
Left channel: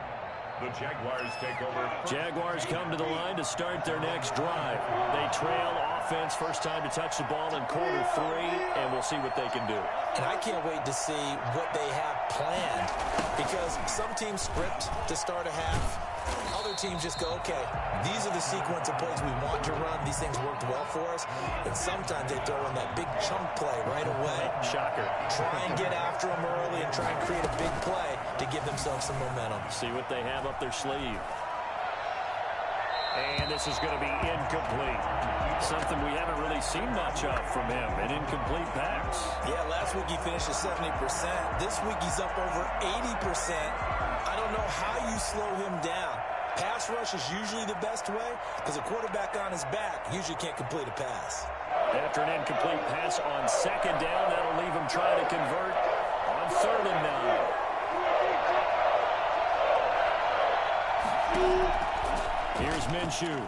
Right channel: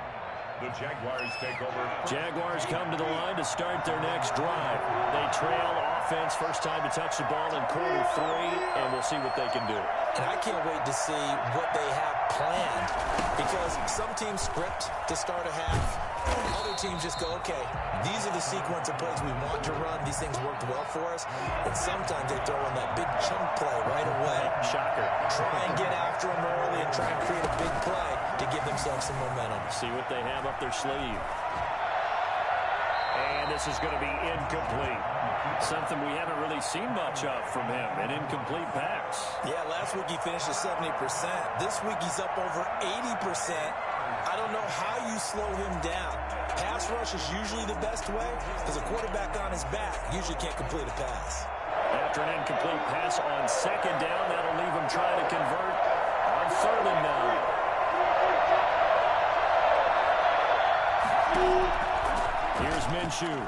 The Jaguars take over. Jaguars come to the line to start their next drive. They trail offense, first time to touch the ball in quarter 3, and we'll see what they can do. And I can't wait to see what they have planned, because some teams script to start a half. Other teams just go, okay, these are the sequence of plays we want to run. These things worked well for us. And sometimes they throw in that big chunk play right away. Shocker. Try and get after them early and try and create a big play to give themselves some momentum. See what they have up their sleeve. And this is going to be incomplete. Something we haven't really seen much of from him, an incomplete pass. Yeah, last week he finished at 70%. This week he's up over 80%. I don't know how you slow him down. Pass rush is usually the best way, because a quarterback on his back usually can't complete a pass. After an incomplete pass on 2nd down, that'll leave him trying to convert on 3rd and 9. Here's Minshew.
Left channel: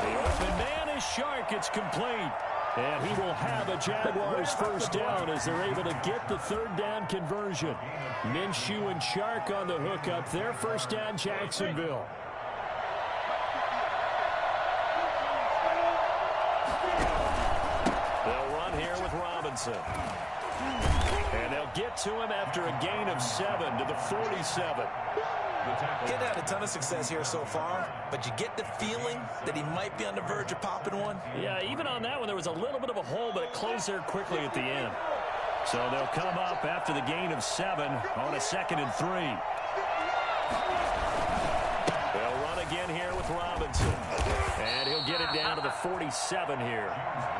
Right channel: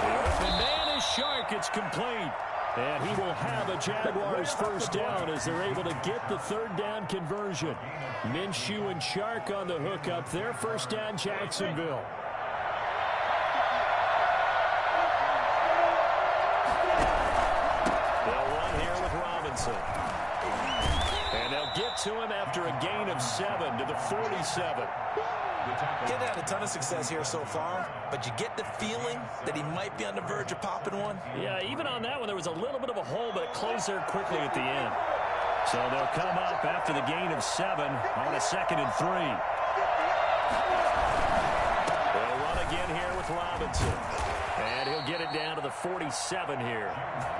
The open man is Shark. It's complete. And he will have a Jaguars first down as they're able to get the 3rd down conversion. Minshew and Shark on the hook up there. First down, Jacksonville. They'll run here with Robinson. And they'll get to him after a gain of 7 to the 47. Getting had a ton of success here so far, but you get the feeling that he might be on the verge of popping one. Yeah, even on that one, there was a little bit of a hole, but it closed there quickly at the end. So they'll come up after the gain of 7 on a 2nd and 3. They'll run again here with Robinson. And he'll get it down to the 47 here.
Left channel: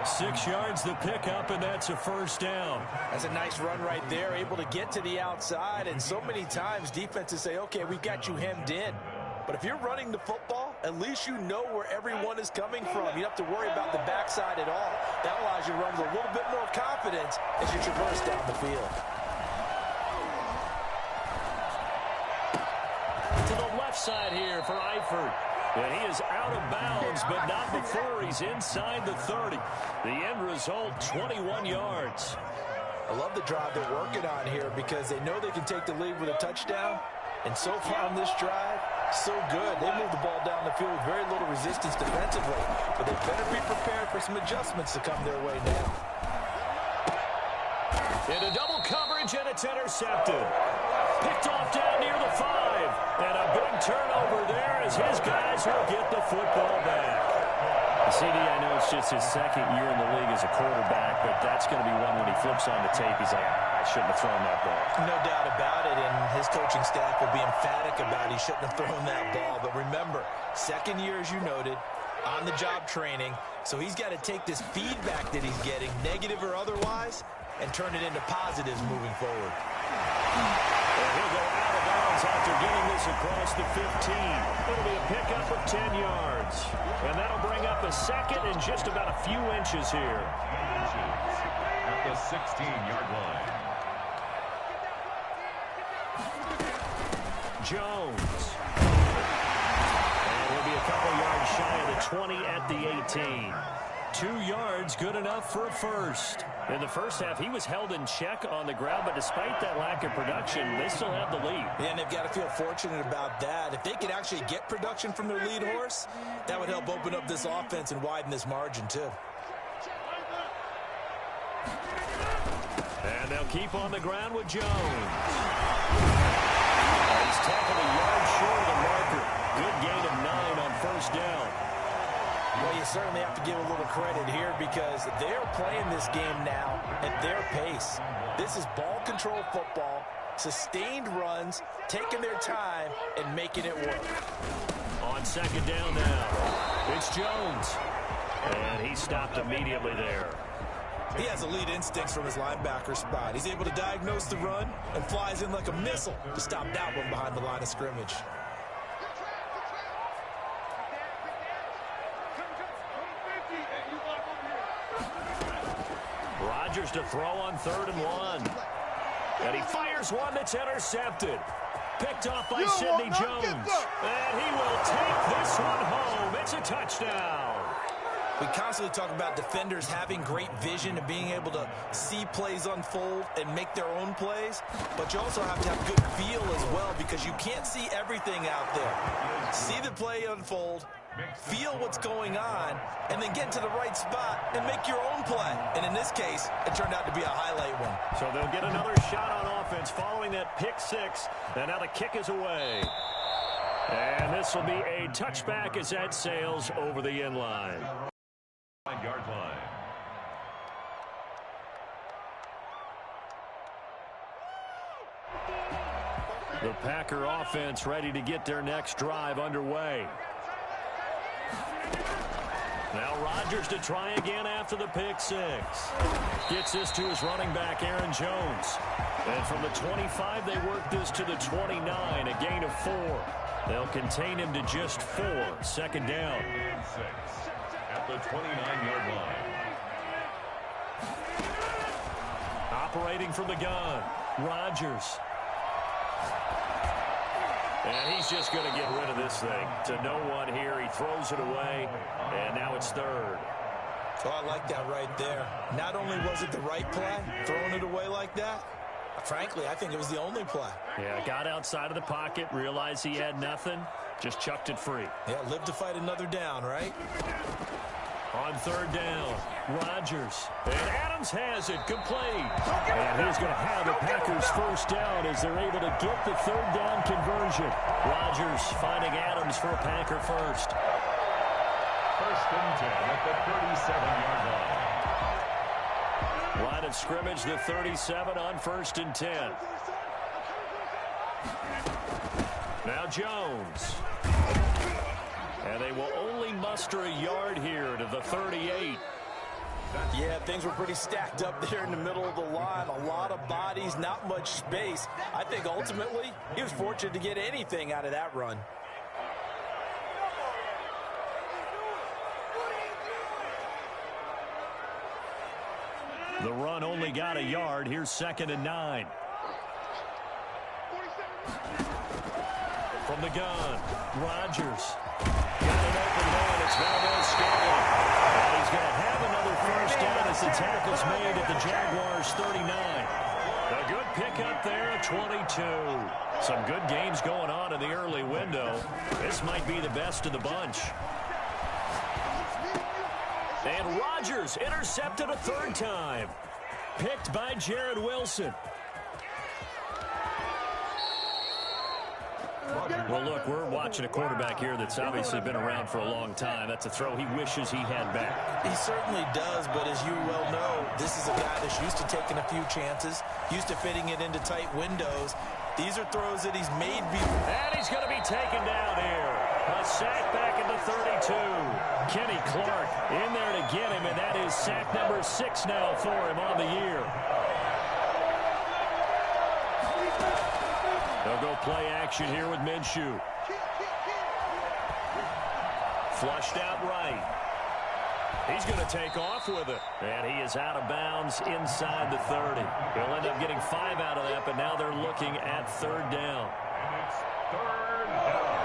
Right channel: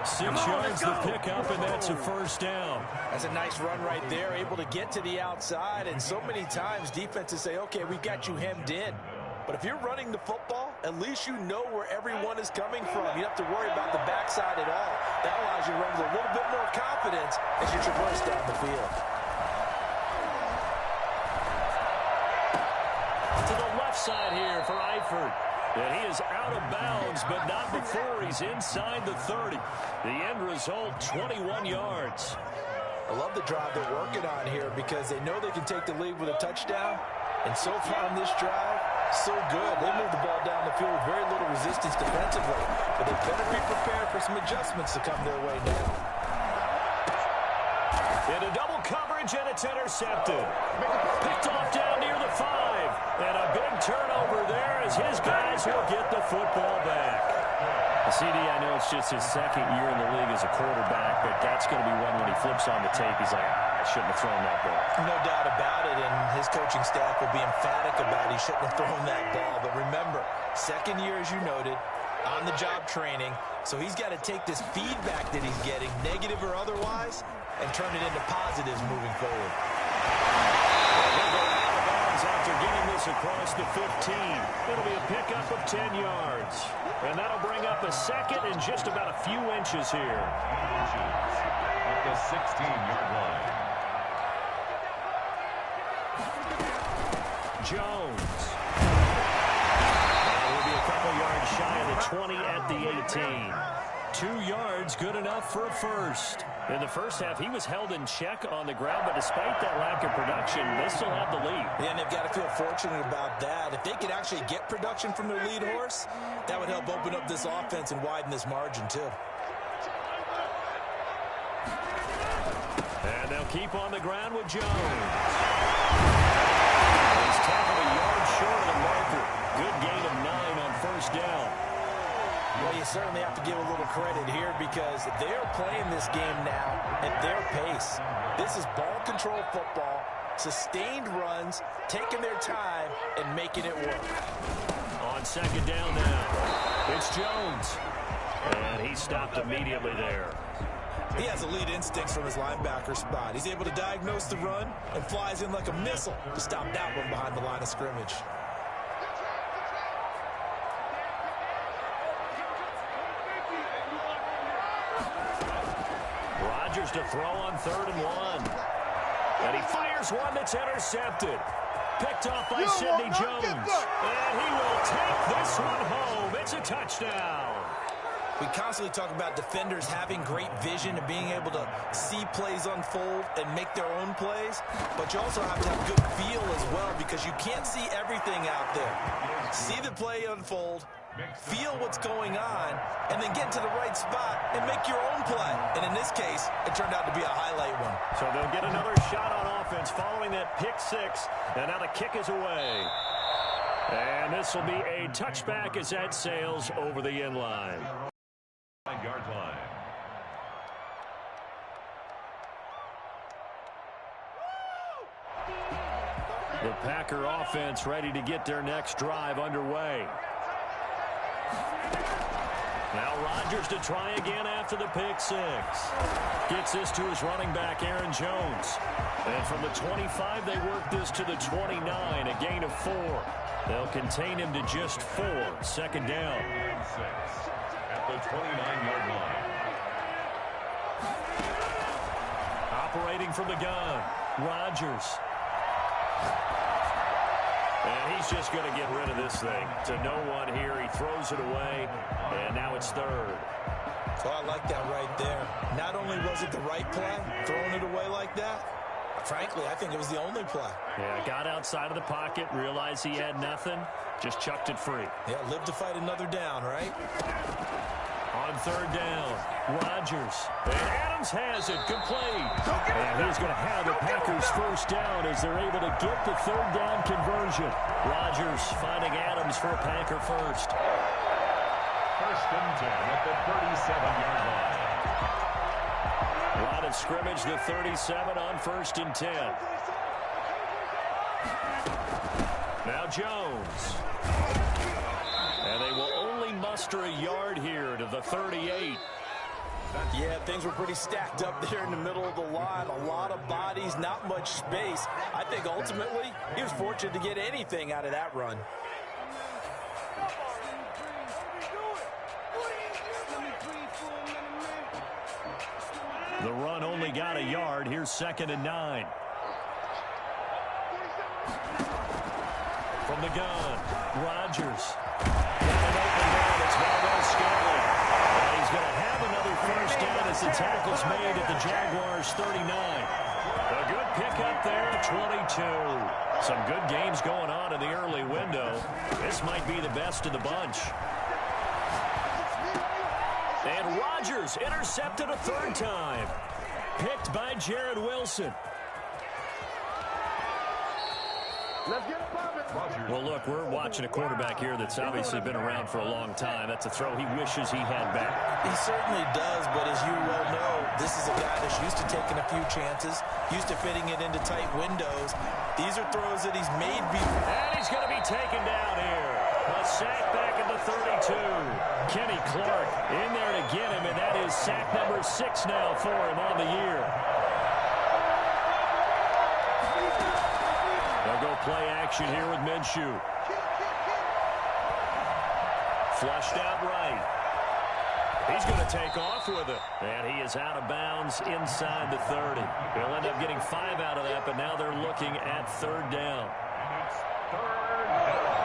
6 yards the pickup, and that's a first down. That's a nice run right there, able to get to the outside. And so many times defenses say, okay, we've got you hemmed in. But if you're running the football, at least you know where everyone is coming from. You don't have to worry about the backside at all. That allows you to run with a little bit more confidence as you traverse down the field. To the left side here for Eifert. And he is out of bounds, but not before he's inside the 30. The end result, 21 yards. I love the drive they're working on here because they know they can take the lead with a touchdown. And so far on this drive, so good. They moved the ball down the field with very little resistance defensively. But they better be prepared for some adjustments to come their way now. Into double coverage, and it's intercepted. Picked off down near the 5. And a big turnover there as his guys will get the football back. CD, I know it's just his 2nd year in the league as a quarterback, but that's going to be one when he flips on the tape, he's like, I shouldn't have thrown that ball. No doubt about it, and his coaching staff will be emphatic about he shouldn't have thrown that ball. But remember, 2nd year, as you noted, on-the-job training, so he's got to take this feedback that he's getting, negative or otherwise, and turn it into positives moving forward. And he'll go out of bounds after getting this across the 15. It'll be a pickup of 10 yards. And that'll bring up a 2nd and just about a few inches here. At the 16-yard line. Jones. And he'll be a couple yards shy of the 20 at the 18. 2 yards, good enough for a first. In the first half, he was held in check on the ground, but despite that lack of production, they still have the lead. Yeah, and they've got to feel fortunate about that. If they could actually get production from their lead horse, that would help open up this offense and widen this margin, too. And they'll keep on the ground with Jones. He's tackled a yard short of the marker. Good gain of 9 on first down. Well, you certainly have to give a little credit here because they're playing this game now at their pace. This is ball control football, sustained runs, taking their time, and making it work. On second down now, it's Jones. And he stopped immediately there. He has elite instincts from his linebacker spot. He's able to diagnose the run and flies in like a missile to stop that one behind the line of scrimmage. Rodgers to throw on 3rd and 1. And he fires one that's intercepted. Picked off by Sidney Jones. And he will take this one home. It's a touchdown. We constantly talk about defenders having great vision and being able to see plays unfold and make their own plays, but you also have to have good feel as well because you can't see everything out there. See the play unfold, feel what's going on, and then get to the right spot and make your own play. And in this case, it turned out to be a highlight one. So they'll get another shot on offense following that pick 6, and now the kick is away. And this will be a touchback as that sails over the end line. 5-yard line. The Packer offense ready to get their next drive underway. Now Rodgers to try again after the pick 6. Gets this to his running back, Aaron Jones. And from the 25, they work this to the 29, a gain of 4. They'll contain him to just 4. Second down. And 6 at the 29-yard line. Operating from the gun, Rodgers. And he's just going to get rid of this thing. To no one here, he throws it away, and now it's 3rd. Oh, I like that right there. Not only was it the right play, throwing it away like that, frankly, I think it was the only play. Yeah, got outside of the pocket, realized he had nothing, just chucked it free. Yeah, live to fight another down, right? On 3rd down, Rodgers. And Adams has it, complete. And he's going to have the Packers first down as they're able to get the 3rd down conversion. Rodgers finding Adams for a Packer first. 1st and 10 at the 37-yard line. Line of scrimmage, the 37 on 1st and 10. Now Jones. And they will only muster a yard here to the 38. Yeah, things were pretty stacked up there in the middle of the line. A lot of bodies, not much space. I think ultimately he was fortunate to get anything out of that run. The run only got a yard. Here's 2nd and 9. From the gun, Rodgers. Got an open man. It's Valdez-Scantling. And he's going to have another first down as the tackle's made at the Jaguars' 39. A good pickup there at 22. Some good games going on in the early window. This might be the best of the bunch. And Rodgers intercepted a 3rd time. Picked by Jared Wilson. Well, look, we're watching a quarterback here that's obviously been around for a long time. That's a throw he wishes he had back. He certainly does, but as you well know, this is a guy that's used to taking a few chances, used to fitting it into tight windows. These are throws that he's made before. And he's going to be taken down here. A sack back at the 32. Kenny Clark in there to get him, and that is sack number 6 now for him on the year. They'll go play action here with Minshew. Flushed out right. He's going to take off with it. And he is out of bounds inside the 30. He'll end up getting 5 out of that, but now they're looking at 3rd down. And it's 3rd down.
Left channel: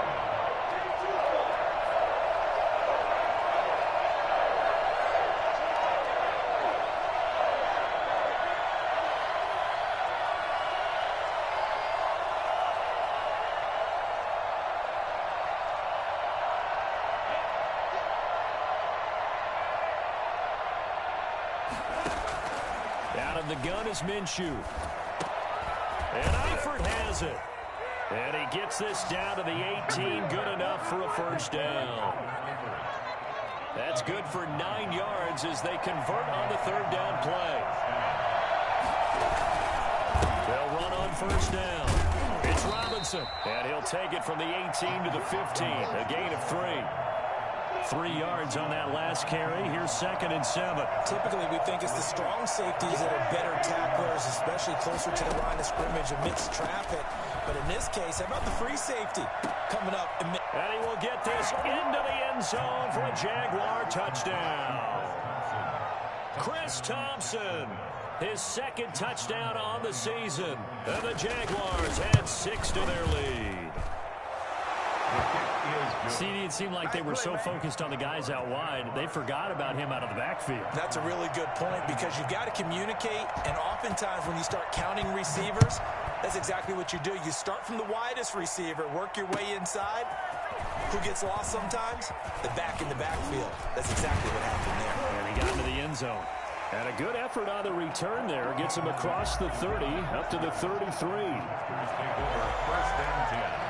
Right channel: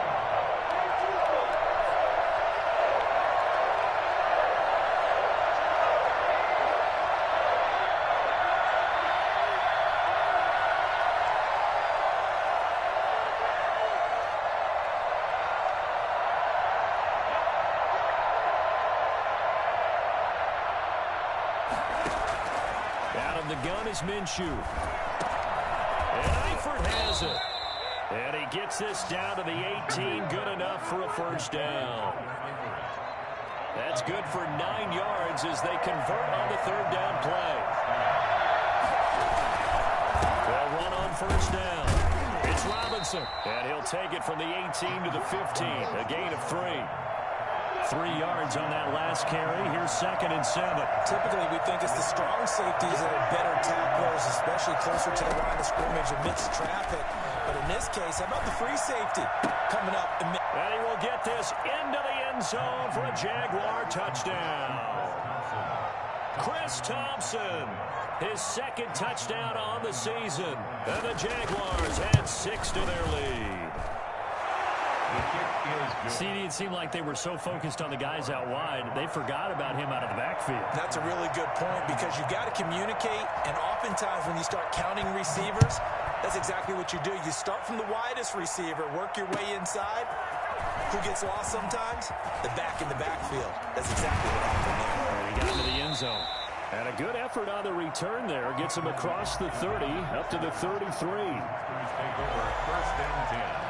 Out of the gun is Minshew. And Eifert has it. And he gets this down to the 18. Good enough for a first down. That's good for 9 yards as they convert on the third down play. They'll run on first down. It's Robinson, and he'll take it from the 18 to the 15, a gain of 3. 3 yards on that last carry. Here's 2nd and 7. Typically, we think it's the strong safeties that are better tacklers, especially closer to the line of scrimmage amidst traffic. But in this case, how about the free safety coming up? And he will get this into the end zone for a Jaguar touchdown. Chris Thompson, his 2nd touchdown on the season. And the Jaguars add 6 to their lead. CD, it seemed like they were so focused on the guys out wide, they forgot about him out of the backfield. That's a really good point because you've got to communicate, and oftentimes when you start counting receivers, that's exactly what you do. You start from the widest receiver, work your way inside. Who gets lost sometimes? The back in the backfield. That's exactly what happened there. And he got into the end zone. And a good effort on the return there. Gets him across the 30, up to the 33. Take over 1st and 10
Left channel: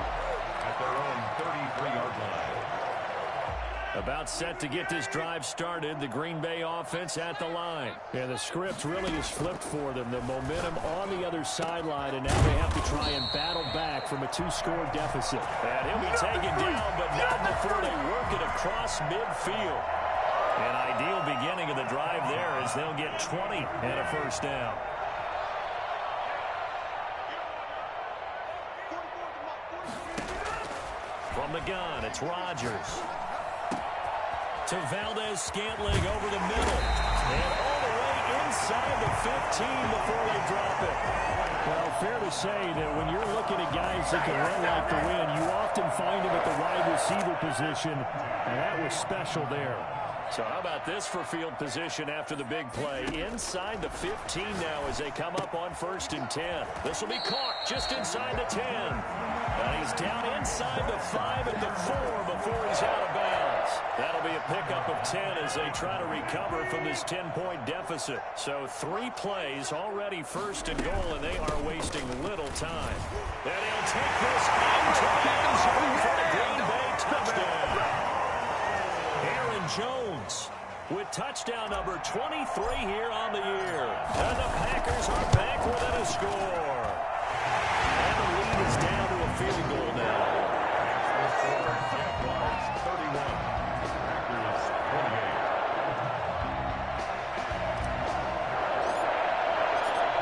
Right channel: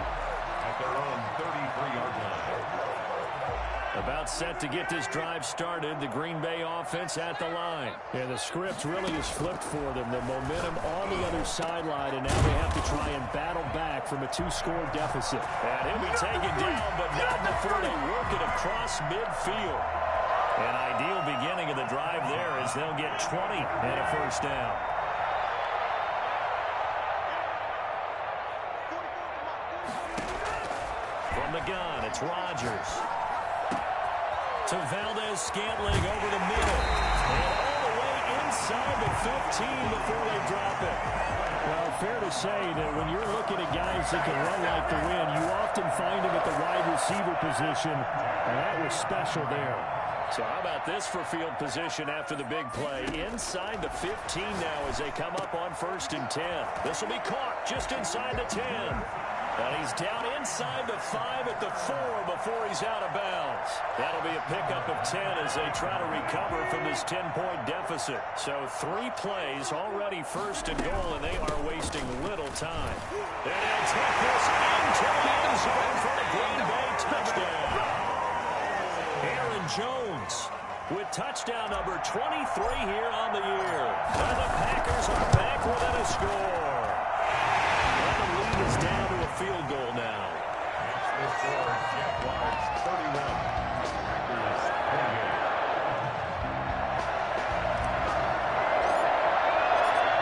at their own 33-yard line. About set to get this drive started. The Green Bay offense at the line. Yeah, the script really is flipped for them. The momentum on the other sideline, and now they have to try and battle back from a 2-score deficit. And he'll be taken down, but not before they work it across midfield. An ideal beginning of the drive there as they'll get 20 and a first down. From the gun, it's Rodgers. To Valdez-Scantling over the middle. And all the way inside the 15 before they drop it. Well, fair to say that when you're looking at guys that can run like the wind, you often find them at the wide receiver position, and that was special there. So how about this for field position after the big play? Inside the 15 now as they come up on 1st and 10. This will be caught just inside the 10. And he's down inside the 5 at the 4 before he's out of bounds. That'll be a pickup of 10 as they try to recover from this 10-point deficit. So 3 plays already 1st and goal, and they are wasting little time. And he'll take this into the end zone for a Green Bay touchdown. Aaron Jones with touchdown number 23 here on the year. And the Packers are back within a score. And the lead is down to a field goal now. Jaguars 31, Packers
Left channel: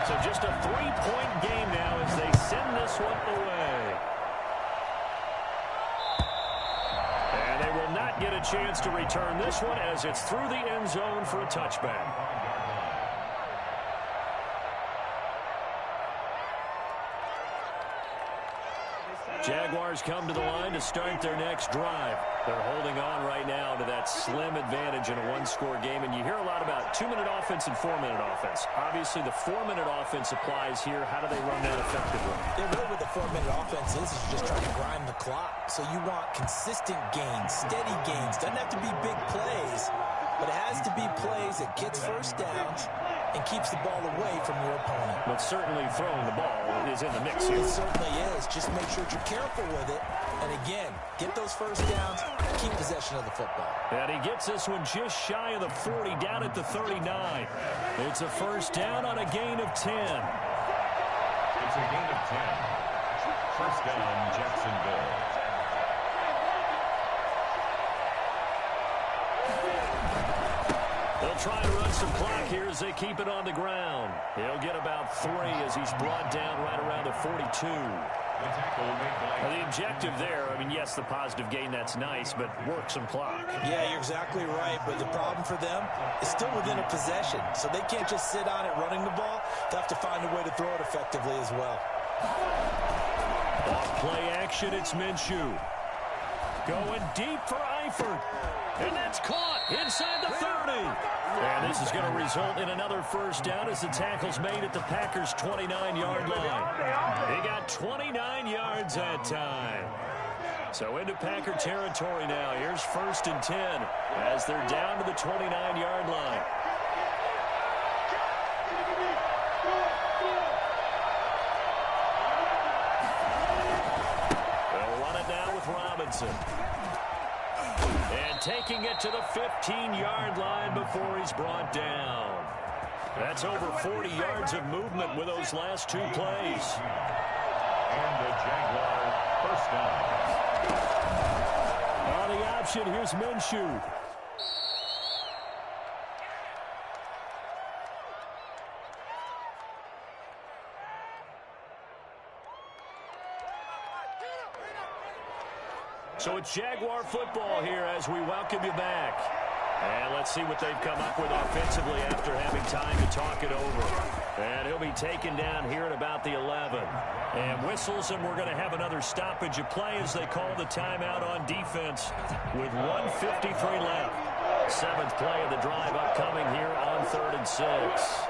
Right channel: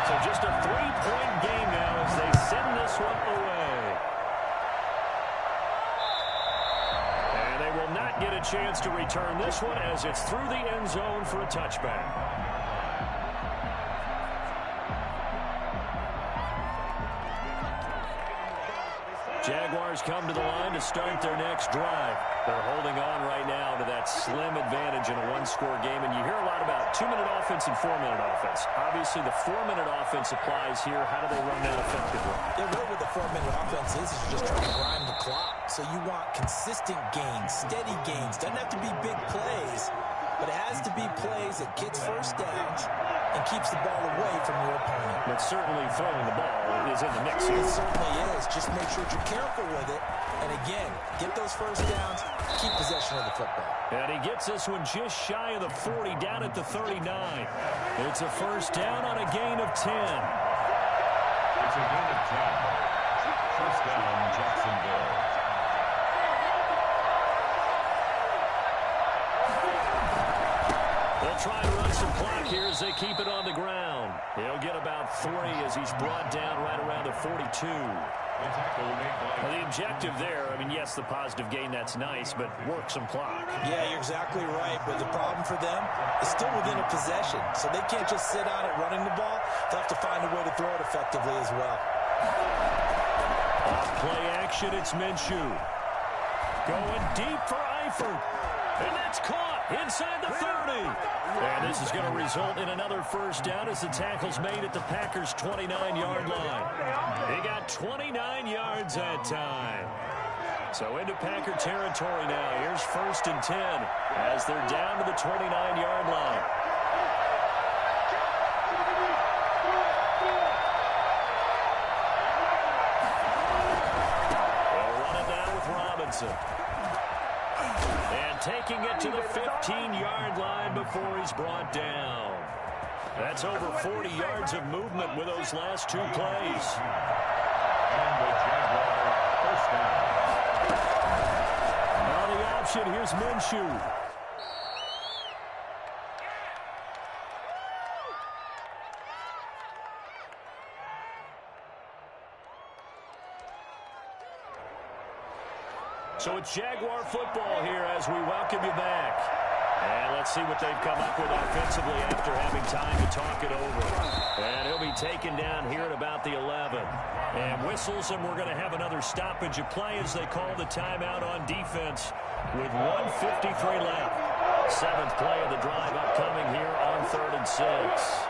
28. So just a 3-point game now as they send this one away. And they will not get a chance to return this one as it's through the end zone for a touchback. Jaguars come to the line to start their next drive. They're holding on right now to that slim advantage in a 1-score game. And you hear a lot about 2-minute offense and 4-minute offense. Obviously, the 4-minute offense applies here. How do they run that effectively? Yeah, really what the 4-minute offense is you're just trying to grind the clock. So you want consistent gains, steady gains. Doesn't have to be big plays, but it has to be plays that gets first downs and keeps the ball away from your opponent. But certainly throwing the ball is in the mix here. It certainly is. Just make sure you're careful with it. And again, get those first downs, keep possession of the football. And he gets this one just shy of the 40, down at the 39. It's a first down on a gain of 10. It's a gain of 10. First down, Jacksonville. They'll try to run some clock here as they keep it on the ground. He'll get about 3 as he's brought down right around the 42. The objective there, I mean, yes, the positive gain, that's nice, but work some clock. Yeah, you're exactly right, but the problem for them is still within a possession, so they can't just sit on it running the ball. They'll have to find a way to throw it effectively as well. Off play action, it's Minshew. Going deep for Eifert. And that's caught inside the 30. And this is going to result in another first down as the tackle's made at the Packers' 29-yard line. He got 29 yards that time. So into Packer territory now. Here's 1st and 10 as they're down to the 29-yard line. They'll run it down with Robinson. And taking it to the 15-yard line before he's brought down. That's over 40 yards of movement with those last two plays. And the Jaguar first down. On the option, here's Minshew. So it's Jaguar football here as we welcome you back. And let's see what they've come up with offensively after having time to talk it over. And he'll be taken down here at about the 11. And whistles, and we're going to have another stoppage of play as they call the timeout on defense with 1:53 left. Seventh play of the drive upcoming here on 3rd and 6.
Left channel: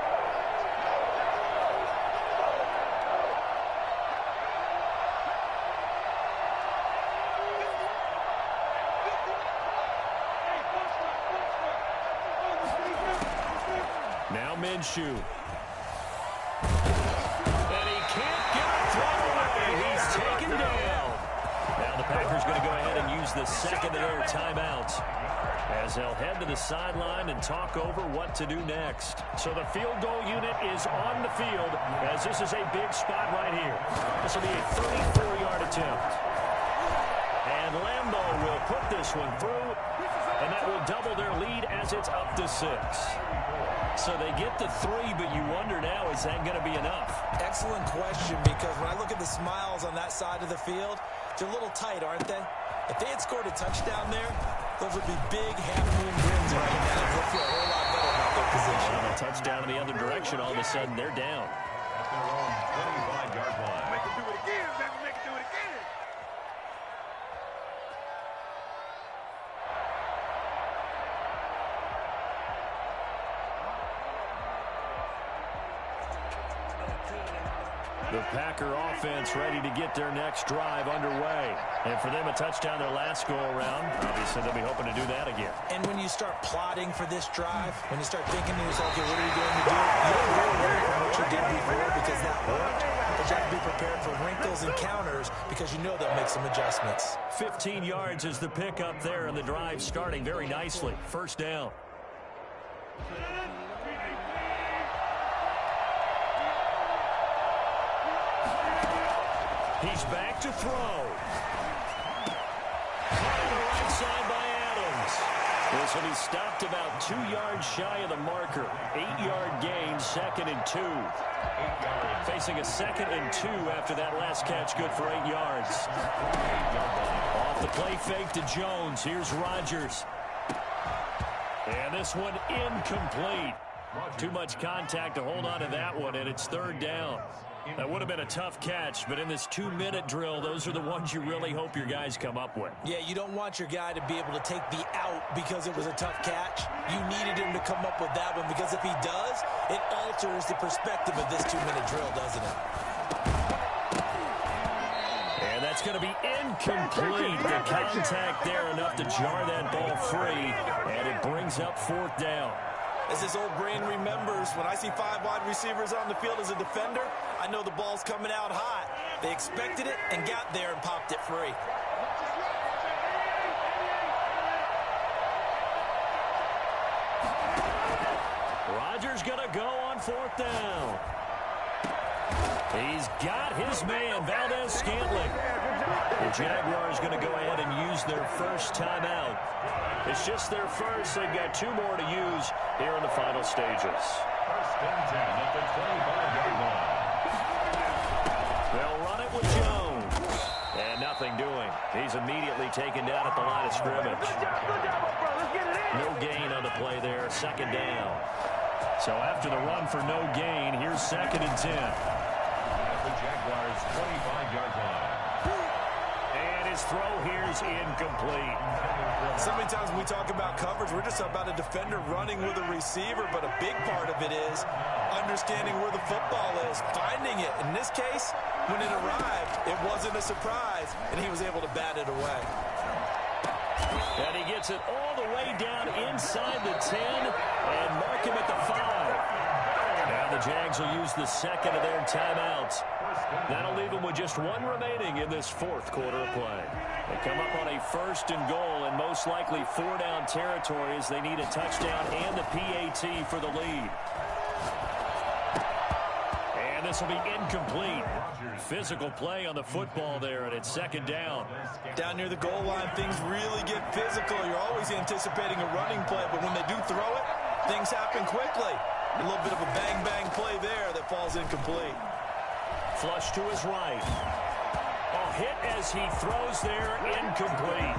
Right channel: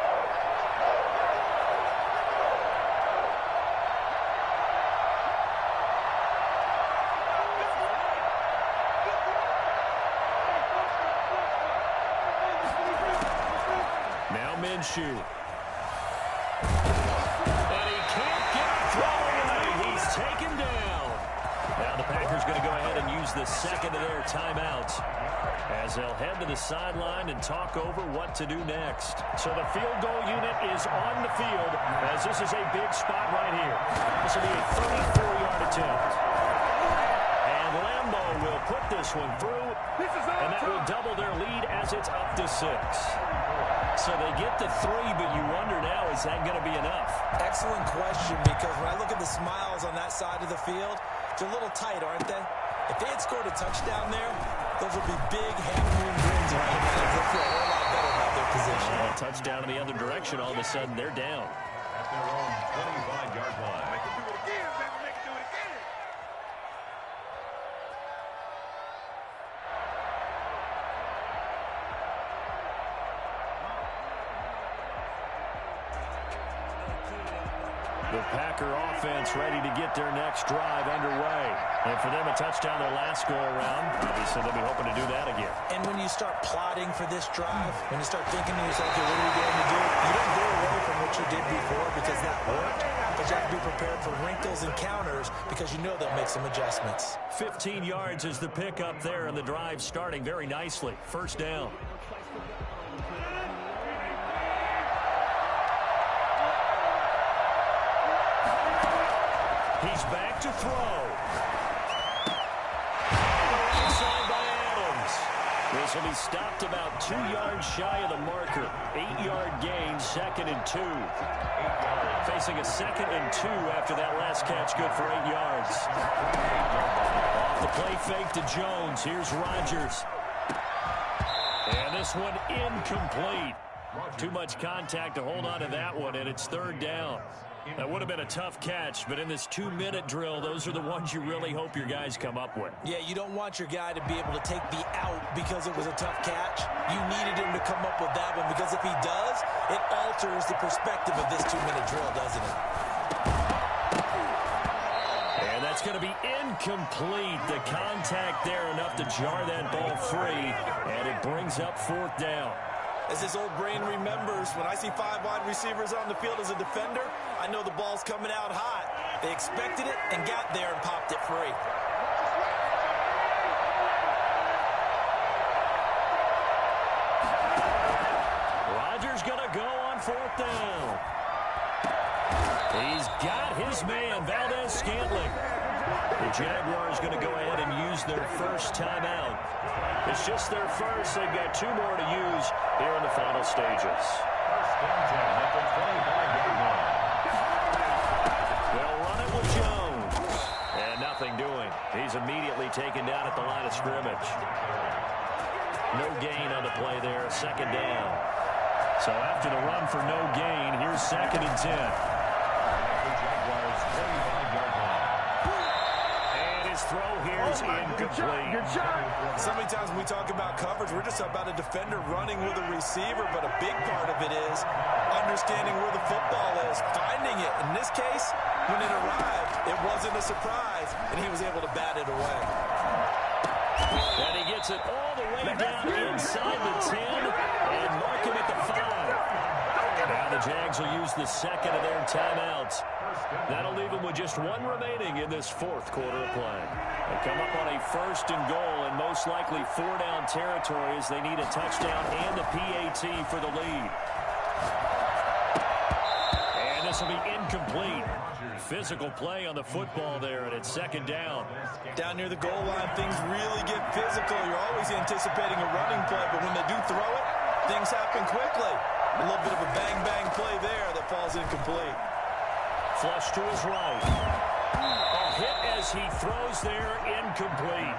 Now Minshew. And he can't get a throw away. He's taken down. Now the Packers going to go ahead and use the second of their timeouts as they'll head to the sideline and talk over what to do next. So the field goal unit is on the field as this is a big spot right here. This will be a 34-yard attempt. And Lambeau will put this one through, and that will double their lead as it's up to 6. So they get the 3, but you wonder now, is that going to be enough? Excellent question, because when I look at the smiles on that side of the field, they're a little tight, aren't they? If they had scored a touchdown there, those would be big half-moon grins right now. They'll feel a whole lot better about their position. A touchdown in the other direction, all of a sudden they're down. At their own 25-yard line. Make it do it again, baby. Make it do it again. The Packer offense ready to get their next drive underway. And for them, a touchdown their last go-around. Obviously, they'll be hoping to do that again. And when you start plotting for this drive, when you start thinking to yourself, okay, what are you going to do? You don't go away from what you did before because that worked. But you have to be prepared for wrinkles and counters because you know they'll make some adjustments. 15 yards is the pickup there, and the drive starting very nicely. First down. He's back to throw. On the right side by Adams. This will be stopped about 2 yards shy of the marker. 8-yard gain, 2nd and 2. 8 yards. Facing a 2nd and 2 after that last catch, good for 8 yards. Off the play fake to Jones. Here's Rodgers. And this one incomplete. Too much contact to hold on to that one, and it's 3rd down. That would have been a tough catch, but in this 2-minute drill, those are the ones you really hope your guys come up with. Yeah, you don't want your guy to be able to take the out because it was a tough catch. You needed him to come up with that one because if he does, it alters the perspective of this 2-minute drill, doesn't it? And that's going to be incomplete. The contact there enough to jar that ball free, and it brings up 4th down. As his old brain remembers, when I see 5 wide receivers on the field as a defender, I know the ball's coming out hot. They expected it and got there and popped it free. Rodgers going to go on 4th down. He's got his man, Valdez-Scantling. The Jaguars going to go ahead and use their first timeout. It's just their first. They've got 2 more to use here in the final stages. 1st and 10 at the 25-yard line. They'll run it with Jones. And nothing doing. He's immediately taken down at the line of scrimmage. No gain on the play there. 2nd down. So after the run for no gain, here's 2nd and 10. At the Jaguars' 25-yard line. His throw here is incomplete. So many times when we talk about coverage, we're just about a defender running with a receiver, but a big part of it is understanding where the football is, finding it. In this case, when it arrived, it wasn't a surprise, and he was able to bat it away. And he gets it all the way down inside the 10 and mark him at the 5. Now the Jags will use the second of their timeouts. That'll leave them with just one remaining in this fourth quarter of play. They come up on a 1st and goal and most likely 4-down territory as they need a touchdown and the PAT for the lead. And this will be incomplete. Physical play on the football there, and it's 2nd down. Down near the goal line, things really get physical. You're always anticipating a running play, but when they do throw it, things happen quickly. A little bit of a bang-bang play there that falls incomplete. Flush to his right. A hit as he throws there, incomplete.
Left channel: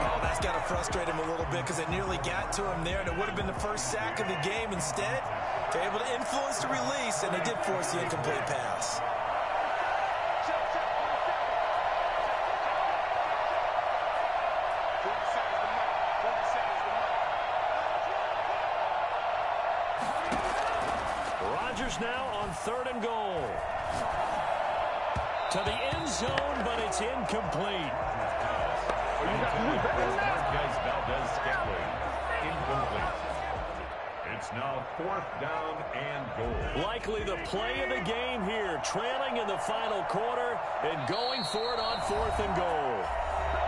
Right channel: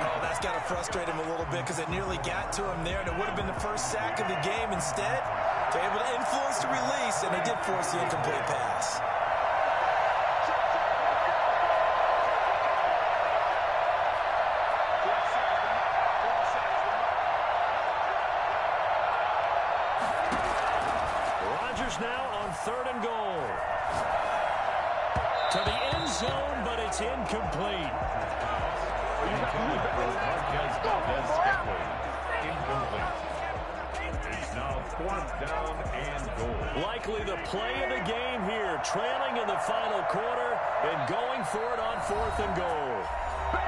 Oh, that's got to frustrate him a little bit because it nearly got to him there, and it would have been the first sack of the game. Instead, they're able to influence the release, and they did force the incomplete pass. Rodgers now on 3rd and goal. To the end zone, but it's incomplete. It's now 4th down and goal. Likely the play of the game here, trailing in the final quarter and going for it on 4th and goal.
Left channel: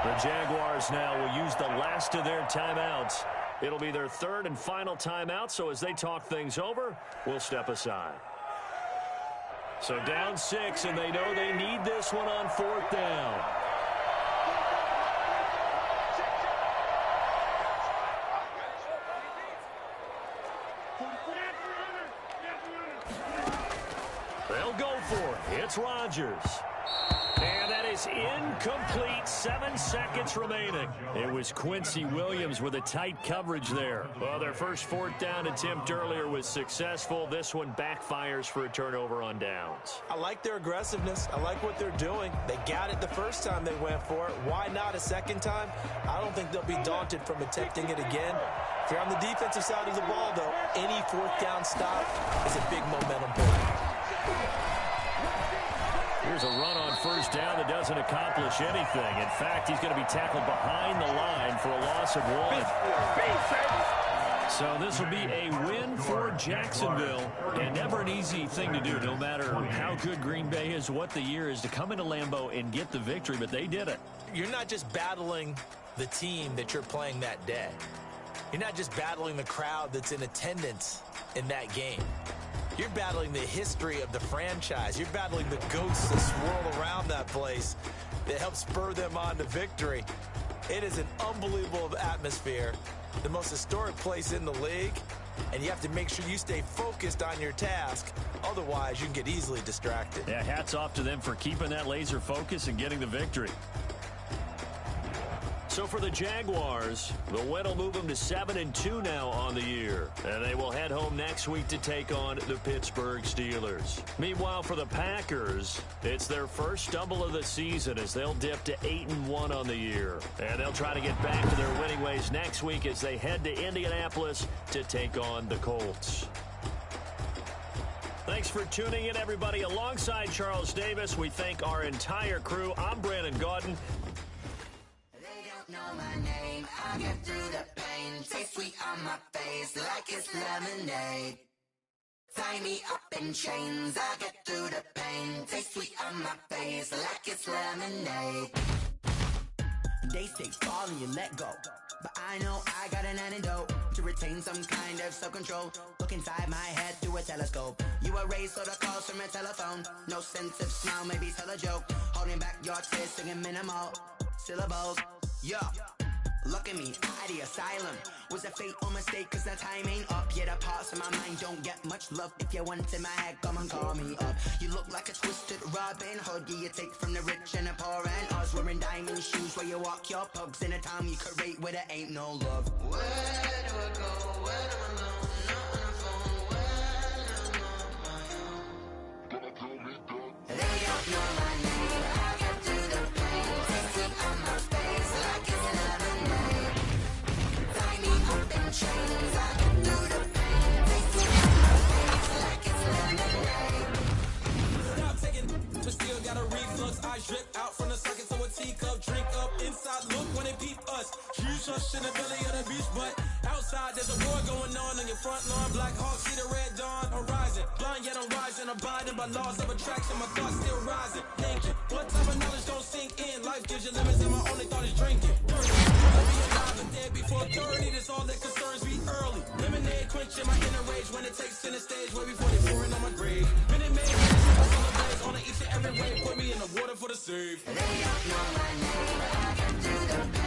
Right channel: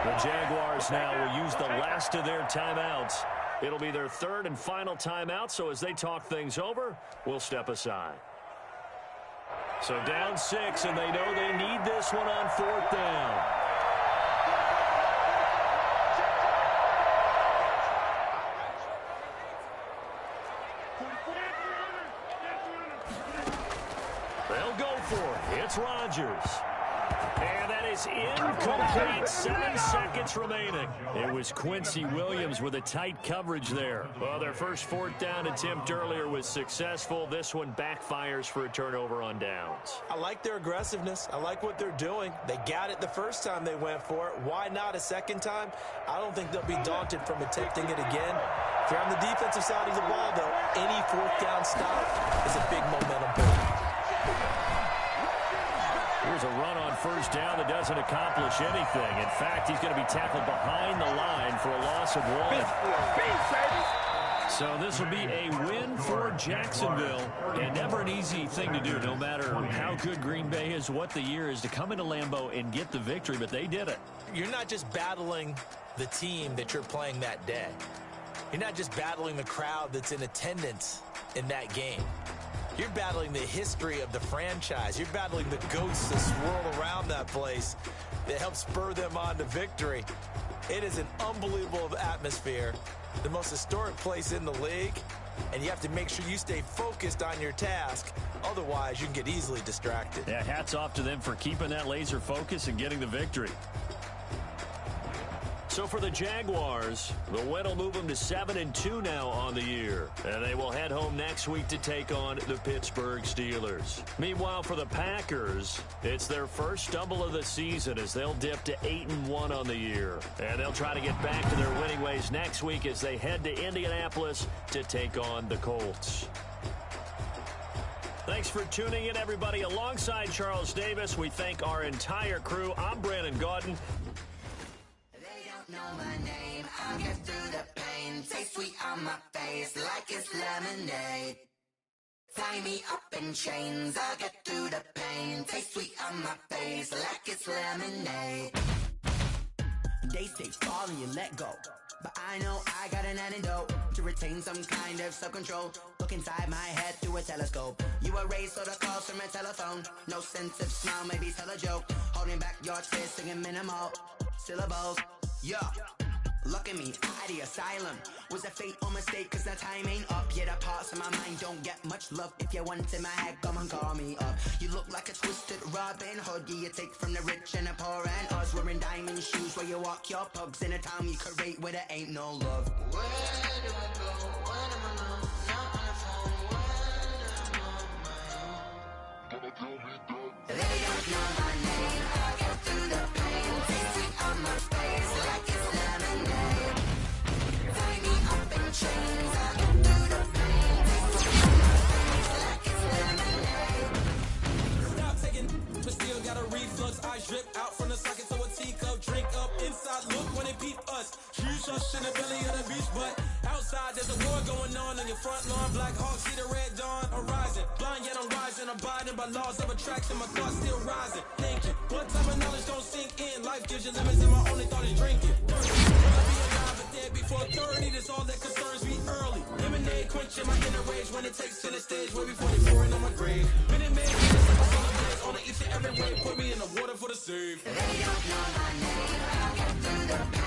The Jaguars now will use the last of their timeouts. It'll be their 3rd and final timeout, so as they talk things over, we'll step aside. So down 6, and they know they need this one on 4th down. They'll go for it. It's Rodgers. And that is incomplete. 7 seconds remaining. It was Quincy Williams with a tight coverage there. Well, their first 4th down attempt earlier was successful. This one backfires for a turnover on downs. I like their aggressiveness. I like what they're doing. They got it the first time they went for it. Why not a second time? I don't think they'll be daunted from attempting it again. If you're on the defensive side of the ball, though, any 4th down stop is a big momentum builder. Here's a run on 1st down that doesn't accomplish anything. In fact, he's going to be tackled behind the line for a loss of 1. So this will be a win for Jacksonville, and never an easy thing to do, no matter how good Green Bay is, what the year is, to come into Lambeau and get the victory, but they did it. You're not just battling the team that you're playing that day. You're not just battling the crowd that's in attendance in that game. You're battling the history of the franchise. You're battling the ghosts that swirl around that place that help spur them on to victory. It is an unbelievable atmosphere, the most historic place in the league, and you have to make sure you stay focused on your task. Otherwise, you can get easily distracted. Yeah, hats off to them for keeping that laser focus and getting the victory. So for the Jaguars, the win will move them to 7-2 now on the year. And they will head home next week to take on the Pittsburgh Steelers. Meanwhile, for the Packers, it's their first stumble of the season as they'll dip to 8-1 on the year. And they'll try to get back to their winning ways next week as they head to Indianapolis to take on the Colts. Thanks for tuning in, everybody. Alongside Charles Davis, we thank our entire crew. I'm Brandon Gaudin. Know my name, I'll get through the pain. Taste sweet on my face like it's lemonade. Tie me up in chains, I'll get through the pain. Taste sweet on my face like it's lemonade. They say fall and you let go, but I know I got an antidote to retain some kind of self-control. Look inside my head through a telescope. You erase all the calls from a telephone. No sense of smile, maybe tell a joke. Holding back your tears, singing minimal syllables. Yo, look at me, out of the asylum. Was a fate or mistake, cause the time ain't up. Yeah, the parts of my mind don't get much love. If you want in my head, come and call me up. You look like a twisted Robin Hood. Yeah, you take from the rich and the poor and us. Wearing diamond shoes where you walk your pugs in a town you create where there ain't no love. Where do I go? Where am I alone? Not on the phone. When I'm on my own. They don't know my name. I'll get through the pain. Taste sweet on my face like it's lemonade. Tie me up in chains. I'll get through the pain. Taste sweet on my face like it's lemonade. Stop taking, but still got a reflux. Eyes drip out from the socket to a teacup. Drink up inside, look when it peep us. Jesus in the belly of the beast, but outside. side, there's a war going on your front lawn. Black Hawk, see the red dawn arising. Blind yet I'm rising, abiding by laws of attraction. My thoughts still rising, thinking. What type of knowledge don't sink in? Life gives you limits and my only thought is drinking. I'll be alive and dead before 30, that's all that concerns me early. Lemonade quenching my inner rage when it takes center stage, way before they pouring on my grave. Minute Maid, minutes, my solar blaze on each and every way. Put me in the water for the save. They don't know my name, I get through the